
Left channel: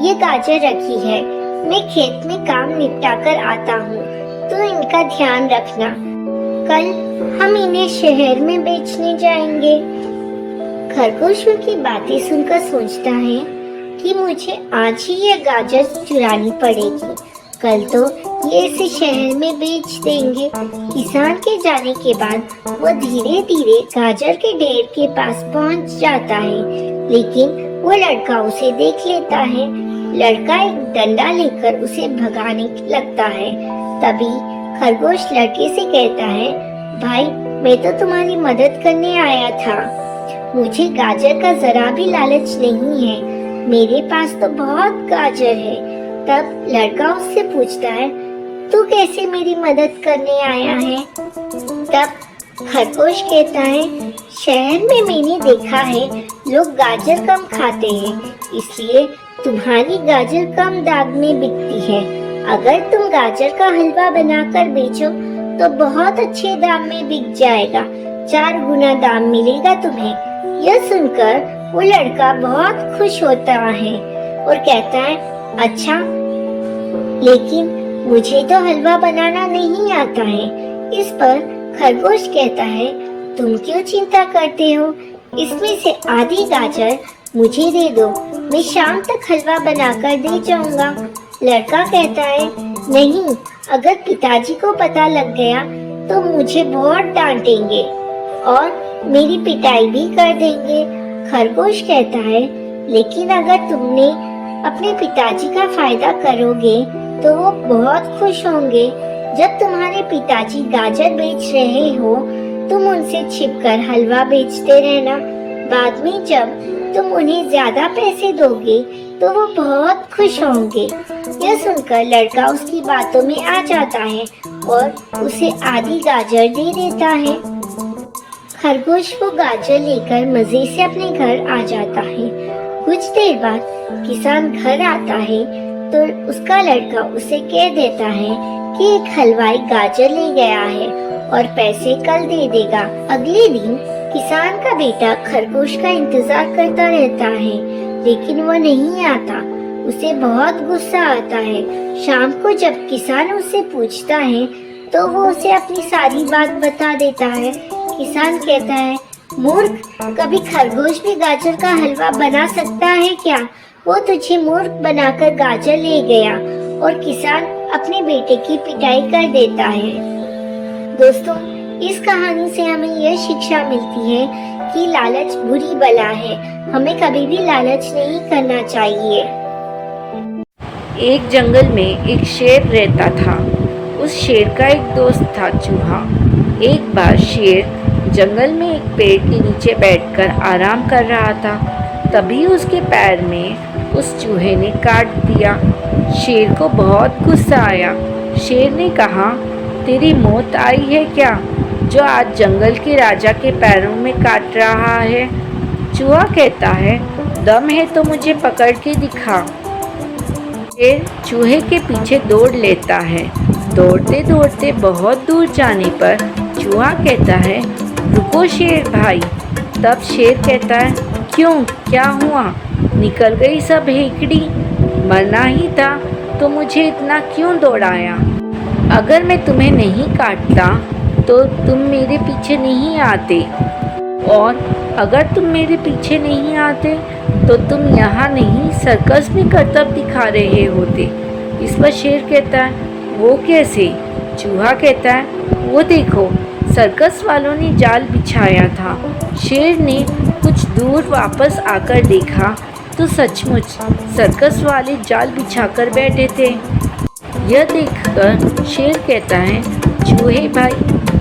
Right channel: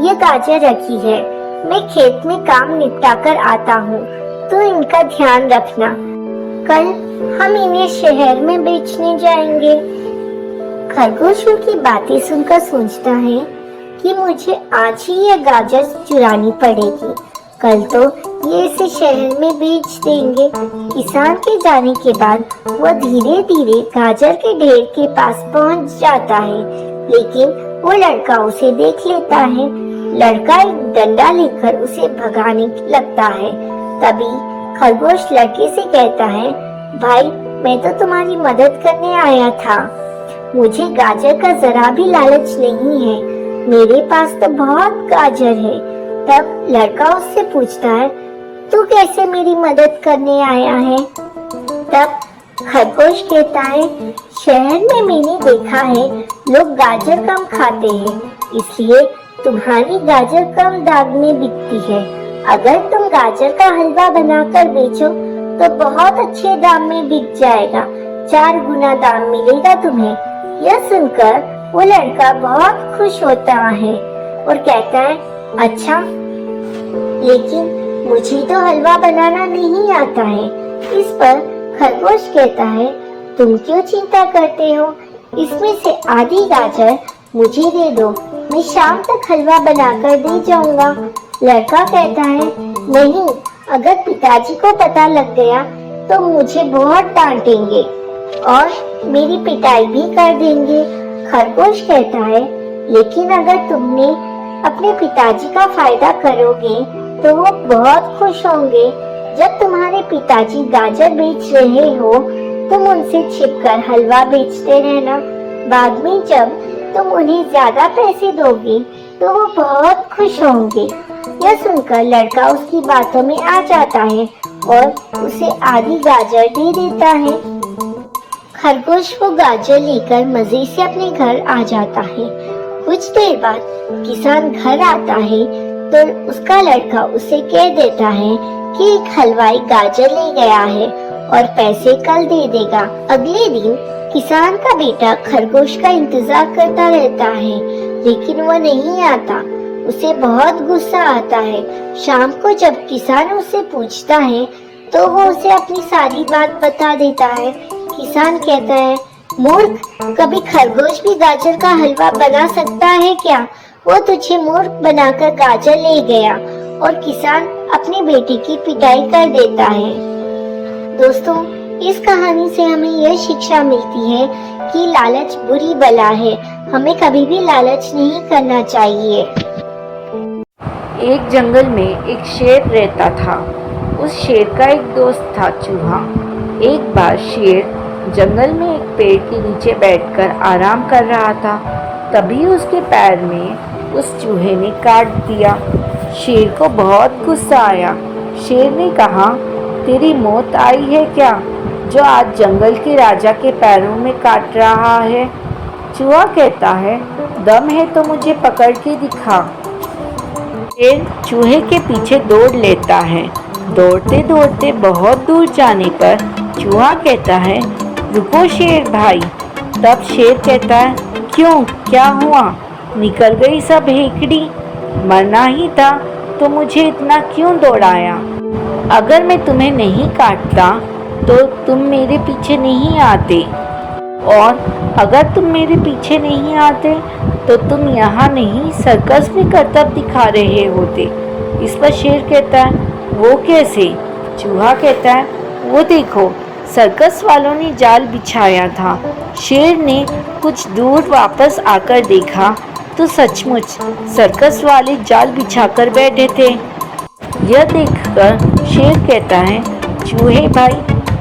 ये गाजर रखी है, मैं खेत में काम निपटा कर आता हूँ, तो इनका ध्यान रखना। कल हम इन्हें शहर में बेचने जाएंगे। खरगोश की बातें सुनकर सोचता है कि मुझे आज ही यह गाजर चुरानी पड़ेगी, कल तो ये इसे शहर में बेच देंगे। किसान के जाने के बाद वो धीरे धीरे गाजर के ढेर के पास पहुंच जाता है, लेकिन वो लड़का उसे देख लेता है। लड़का एक डंडा लेकर उसे भगाने लगता है। तभी खरगोश लड़के से कहता है, भाई, मैं तो तुम्हारी मदद करने आया था। मुझे गाजर का जरा भी लालच नहीं है, मेरे पास तो बहुत गाजर है। तब लड़का उससे पूछता है, तू कैसे मेरी मदद करने आया है? तब खरगोश कहता है, शहर में मैंने देखा है लोग गाजर कम खाते हैं, इसलिए तुम्हारी गाजर कम दाम में बिकती है। अगर तुम गाजर का हलवा बनाकर बेचो तो बहुत अच्छे दाम में बिक जाएगा, 4 गुना दाम मिलेगा तुम्हें। यह सुनकर वो लड़का बहुत खुश होता है और कहता है, अच्छा, लेकिन मुझे तो हलवा बनाना नहीं आता है। इस पर खरगोश कहता है, तुम क्यों चिंता करते हो? इसमें से आधी गाजर मुझे दे दो, मैं शाम तक हलवा बनाकर दे जाऊंगा। लड़का कहता है, नहीं, अगर पिताजी को पता लग गया तो मुझे बहुत डांटेंगे और मेरी पिटाई भी कर देंगे। खरगोश कहता है, लेकिन अगर तुमने अपने पिताजी का फायदा करोगे तो वो बहुत खुश होंगे। जब तुम्हारे पिताजी गाजर बेच रहे हो तुम उनसे छिपकर हलवा बेचते रहना। बाद में जब तुम उन्हें ज्यादा पैसे दोगे तो वो बहुत खुश होंगे। यह सुनकर लड़का उसकी बातों में आ जाता है और उसे आधी गाजर दे देता है। खरगोश वो गाजर लेकर मजे से अपने घर आ जाता है। कुछ देर बाद किसान घर आता है तो उसका लड़का उसे कह देता है कि एक हलवाई गाजर ले गया है और पैसे कल दे देगा। अगले दिन किसान का बेटा खरगोश का इंतजार करता रहता है, लेकिन वो नहीं आता। उसे बहुत गुस्सा आता है। शाम को जब किसान उससे पूछता है तो वो उसे अपनी सारी बात बता देता है। किसान कहता है, मूर्ख, कभी खरगोश भी गाजर का हलवा बना सकता है क्या? वो तुझे मूर्ख बनाकर गाजर ले गया। और किसान अपने बेटे की पिटाई कर देता है। दोस्तों, इस कहानी से हमें यह शिक्षा मिलती है कि लालच बुरी बला है, हमें कभी भी लालच नहीं करना चाहिए। एक जंगल में एक शेर रहता था। उस शेर का एक दोस्त था चूहा। एक बार शेर जंगल में एक पेड़ के नीचे बैठकर आराम कर रहा था। तभी उसके पैर में उस चूहे ने काट दिया। शेर को बहुत गुस्सा आया। शेर ने कहा, तेरी मौत आई है क्या, जो आज जंगल के राजा के पैरों में काट रहा है? चूहा कहता है, दम है तो मुझे पकड़ के दिखा। शेर चूहे के पीछे दौड़ लेता है। दौड़ते दौड़ते बहुत दूर जाने पर चूहा कहता है, रुको शेर भाई। तब शेर कहता है, क्यों, क्या हुआ? निकल गई सब हेकड़ी? मरना ही था तो मुझे इतना क्यों दौड़ाया? अगर मैं तुम्हें नहीं काटता तो तुम मेरे पीछे नहीं आते, और अगर तुम मेरे पीछे नहीं आते तो तुम यहाँ नहीं सर्कस में करतब दिखा रहे होते। इस पर शेर कहता है, वो कैसे? चूहा कहता है, वो देखो, सर्कस वालों ने जाल बिछाया था। शेर ने कुछ दूर वापस आकर देखा तो सचमुच सर्कस वाले जाल बिछाकर बैठे थे। यह देखकर शेर कहता है, चूहे भाई,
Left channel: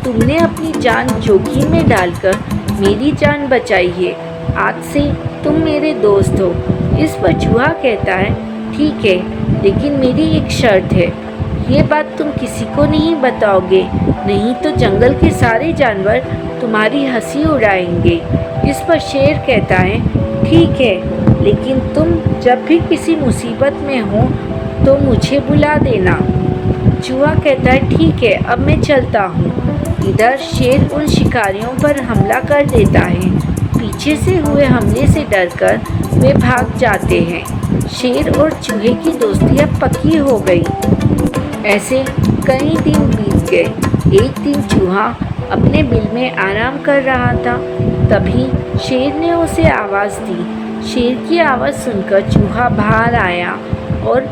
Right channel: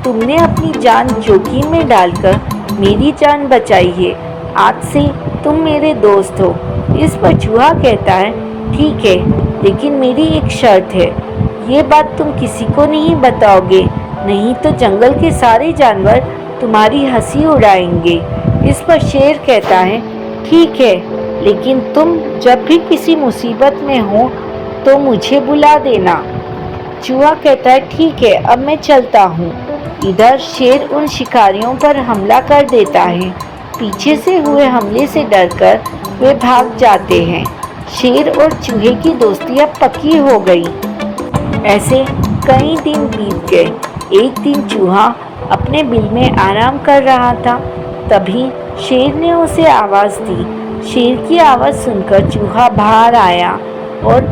तुमने अपनी जान जोखिम में डालकर मेरी जान बचाई है। आज से तुम मेरे दोस्त हो। इस पर चूहा कहता है, ठीक है, लेकिन मेरी एक शर्त है। ये बात तुम किसी को नहीं बताओगे, नहीं तो जंगल के सारे जानवर तुम्हारी हंसी उड़ाएंगे। इस पर शेर कहता है, ठीक है, लेकिन तुम जब भी किसी मुसीबत में हो तो मुझे बुला देना। चूहा कहता है, ठीक है, अब मैं चलता हूँ। इधर शेर उन शिकारियों पर हमला कर देता है। पीछे से हुए हमले से डरकर वे भाग जाते हैं। शेर और चूहे की दोस्ती अब पक्की हो गई। ऐसे कई दिन बीत गए। एक दिन चूहा अपने बिल में आराम कर रहा था। तभी शेर ने उसे आवाज़ दी। शेर की आवाज़ सुनकर चूहा बाहर आया और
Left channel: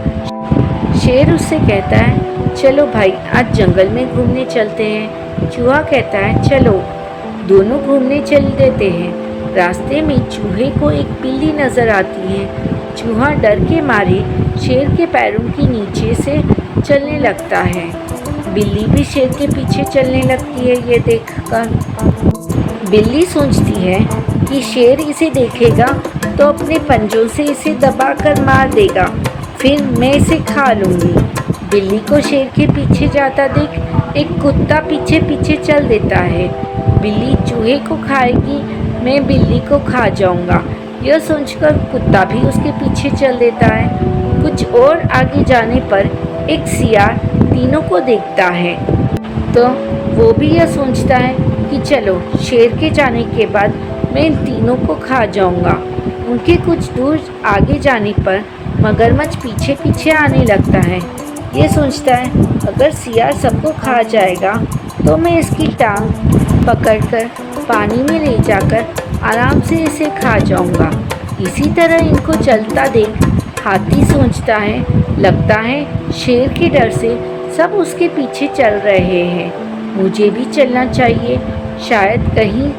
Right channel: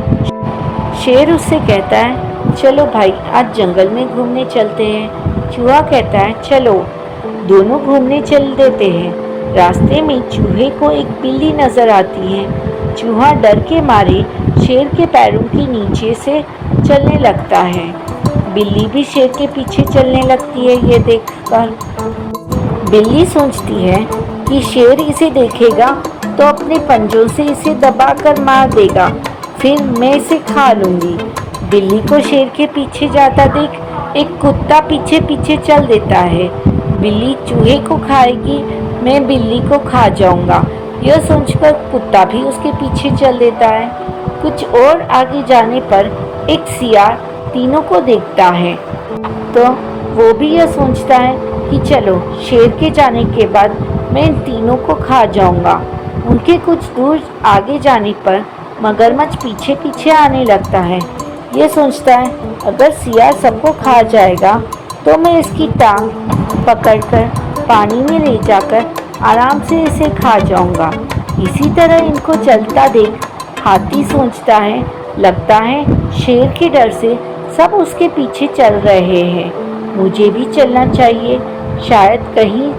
शेर उससे कहता है, चलो भाई, आज जंगल में घूमने चलते हैं। चूहा कहता है, चलो। दोनों घूमने चल देते हैं। रास्ते में चूहे को एक बिल्ली नज़र आती है। चूहा डर के मारे शेर के पैरों के नीचे से चलने लगता है। बिल्ली भी शेर के पीछे चलने लगती है। ये देखकर बिल्ली सोचती है, कि शेर इसे देखेगा तो अपने पंजों से इसे दबाकर मार देगा, फिर मैं इसे खा लूँगी। बिल्ली को शेर के पीछे जाता देख एक कुत्ता पीछे पीछे चल देता है। बिल्ली चूहे को खाएगी, मैं बिल्ली को खा जाऊँगा। यह सोचकर कुत्ता भी उसके पीछे चल देता है। कुछ और आगे जाने पर एक सियार तीनों को देखता है तो वो भी यह सोचता है कि चलो शेर के जाने के बाद मैं इन तीनों को खा जाऊंगा। उनके कुछ दूर आगे जाने पर मगरमच्छ पीछे पीछे आने लगता है। ये सोचता है अगर सियार सबको खा जाएगा तो मैं इसकी टांग पकड़कर पानी में ले जाकर आराम से इसे खा जाऊंगा। इसी तरह इनको चलता देख हाथी सोचता है लगता है शेर के डर से सब उसके पीछे चल रहे हैं, मुझे भी चलना चाहिए, शायद कहीं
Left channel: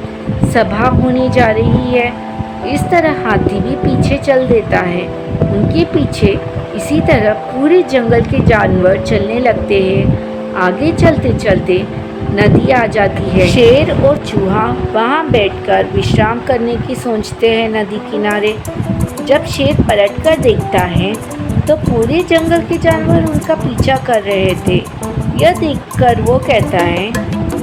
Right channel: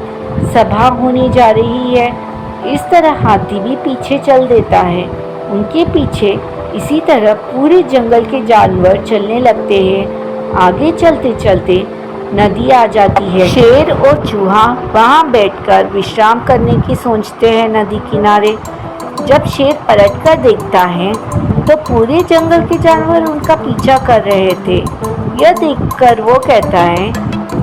सभा होने जा रही है। इस तरह हाथी भी पीछे चल देता है। उनके पीछे इसी तरह पूरे जंगल के जानवर चलने लगते हैं। आगे चलते चलते नदी आ जाती है। शेर और चूहा वहाँ बैठकर विश्राम करने की सोचते हैं नदी किनारे। जब शेर पलटकर देखता है तो पूरे जंगल के जानवर उनका पीछा कर रहे थे। यह देखकर वो कहता है,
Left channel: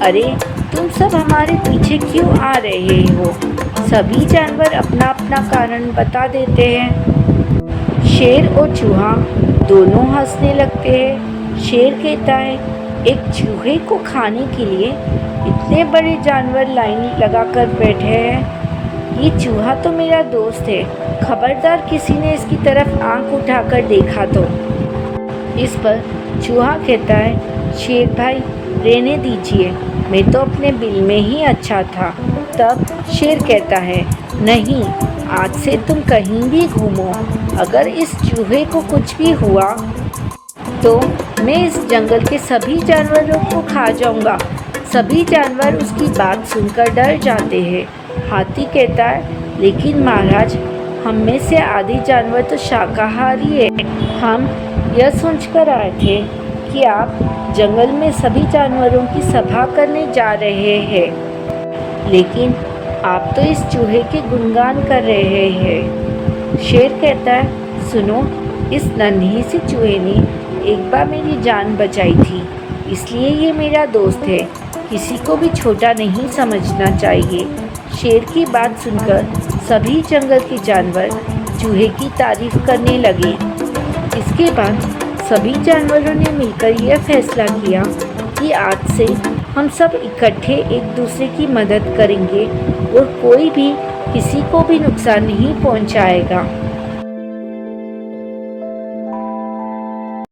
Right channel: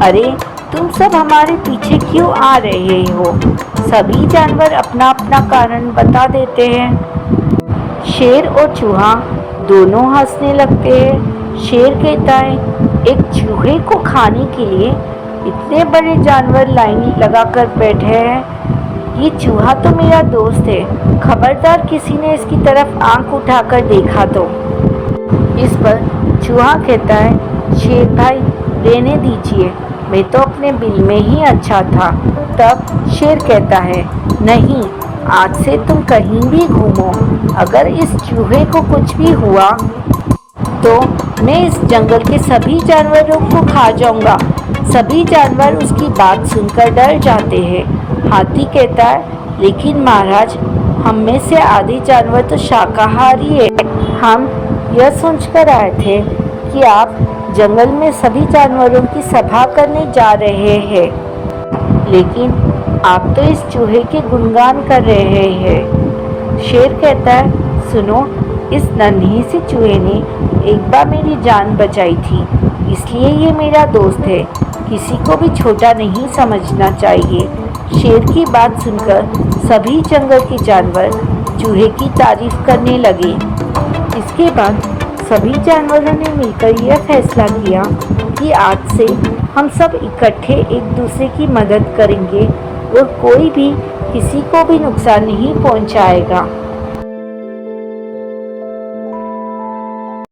अरे तुम सब हमारे पीछे क्यों आ रहे हो? सभी जानवर अपना अपना कारण बता देते हैं। शेर और चूहा दोनों हंसने लगते हैं। शेर कहता है, एक चूहे को खाने के लिए इतने बड़े जानवर लाइन लगाकर बैठे हैं। ये चूहा तो मेरा दोस्त है, खबरदार किसी ने इसकी तरफ आंख उठाकर देखा तो। इस पर चूहा कहता है, शेर भाई रहने दीजिए, मैं तो अपने बिल में ही अच्छा था। तब शेर कहता है, नहीं, आज से तुम कहीं भी घूमो, अगर इस चूहे को कुछ भी हुआ तो मैं इस जंगल के सभी जानवरों को खा जाऊंगा। सभी जानवर उसकी बात सुनकर डर जाते हैं। हाथी कहता है, लेकिन महाराज, हम में से आधे जानवर तो शाकाहारी है। हम यह सोचकर आए थे कि आप जंगल में सभी जानवरों की सभा करने जा रहे हैं, लेकिन आप तो इस चूहे के गुणगान कर रहे हैं। शेर कहता है, सुनो, इस नन्हे से चूहे ने एक बार मेरी जान बचाई थी, इसलिए ये मेरा दोस्त है, किसी को भी छोटा नहीं समझना चाहिए। शेर की बात सुनकर सभी जंगल के जानवर चूहे की तारीफ करने लगे। इसके बाद सभी जानवरों ने मिलकर यह फैसला किया कि आज से हम सब इकट्ठे एक दूसरे की मदद करेंगे और कोई भी किसी को भी नुकसान नहीं पहुंचाएगा।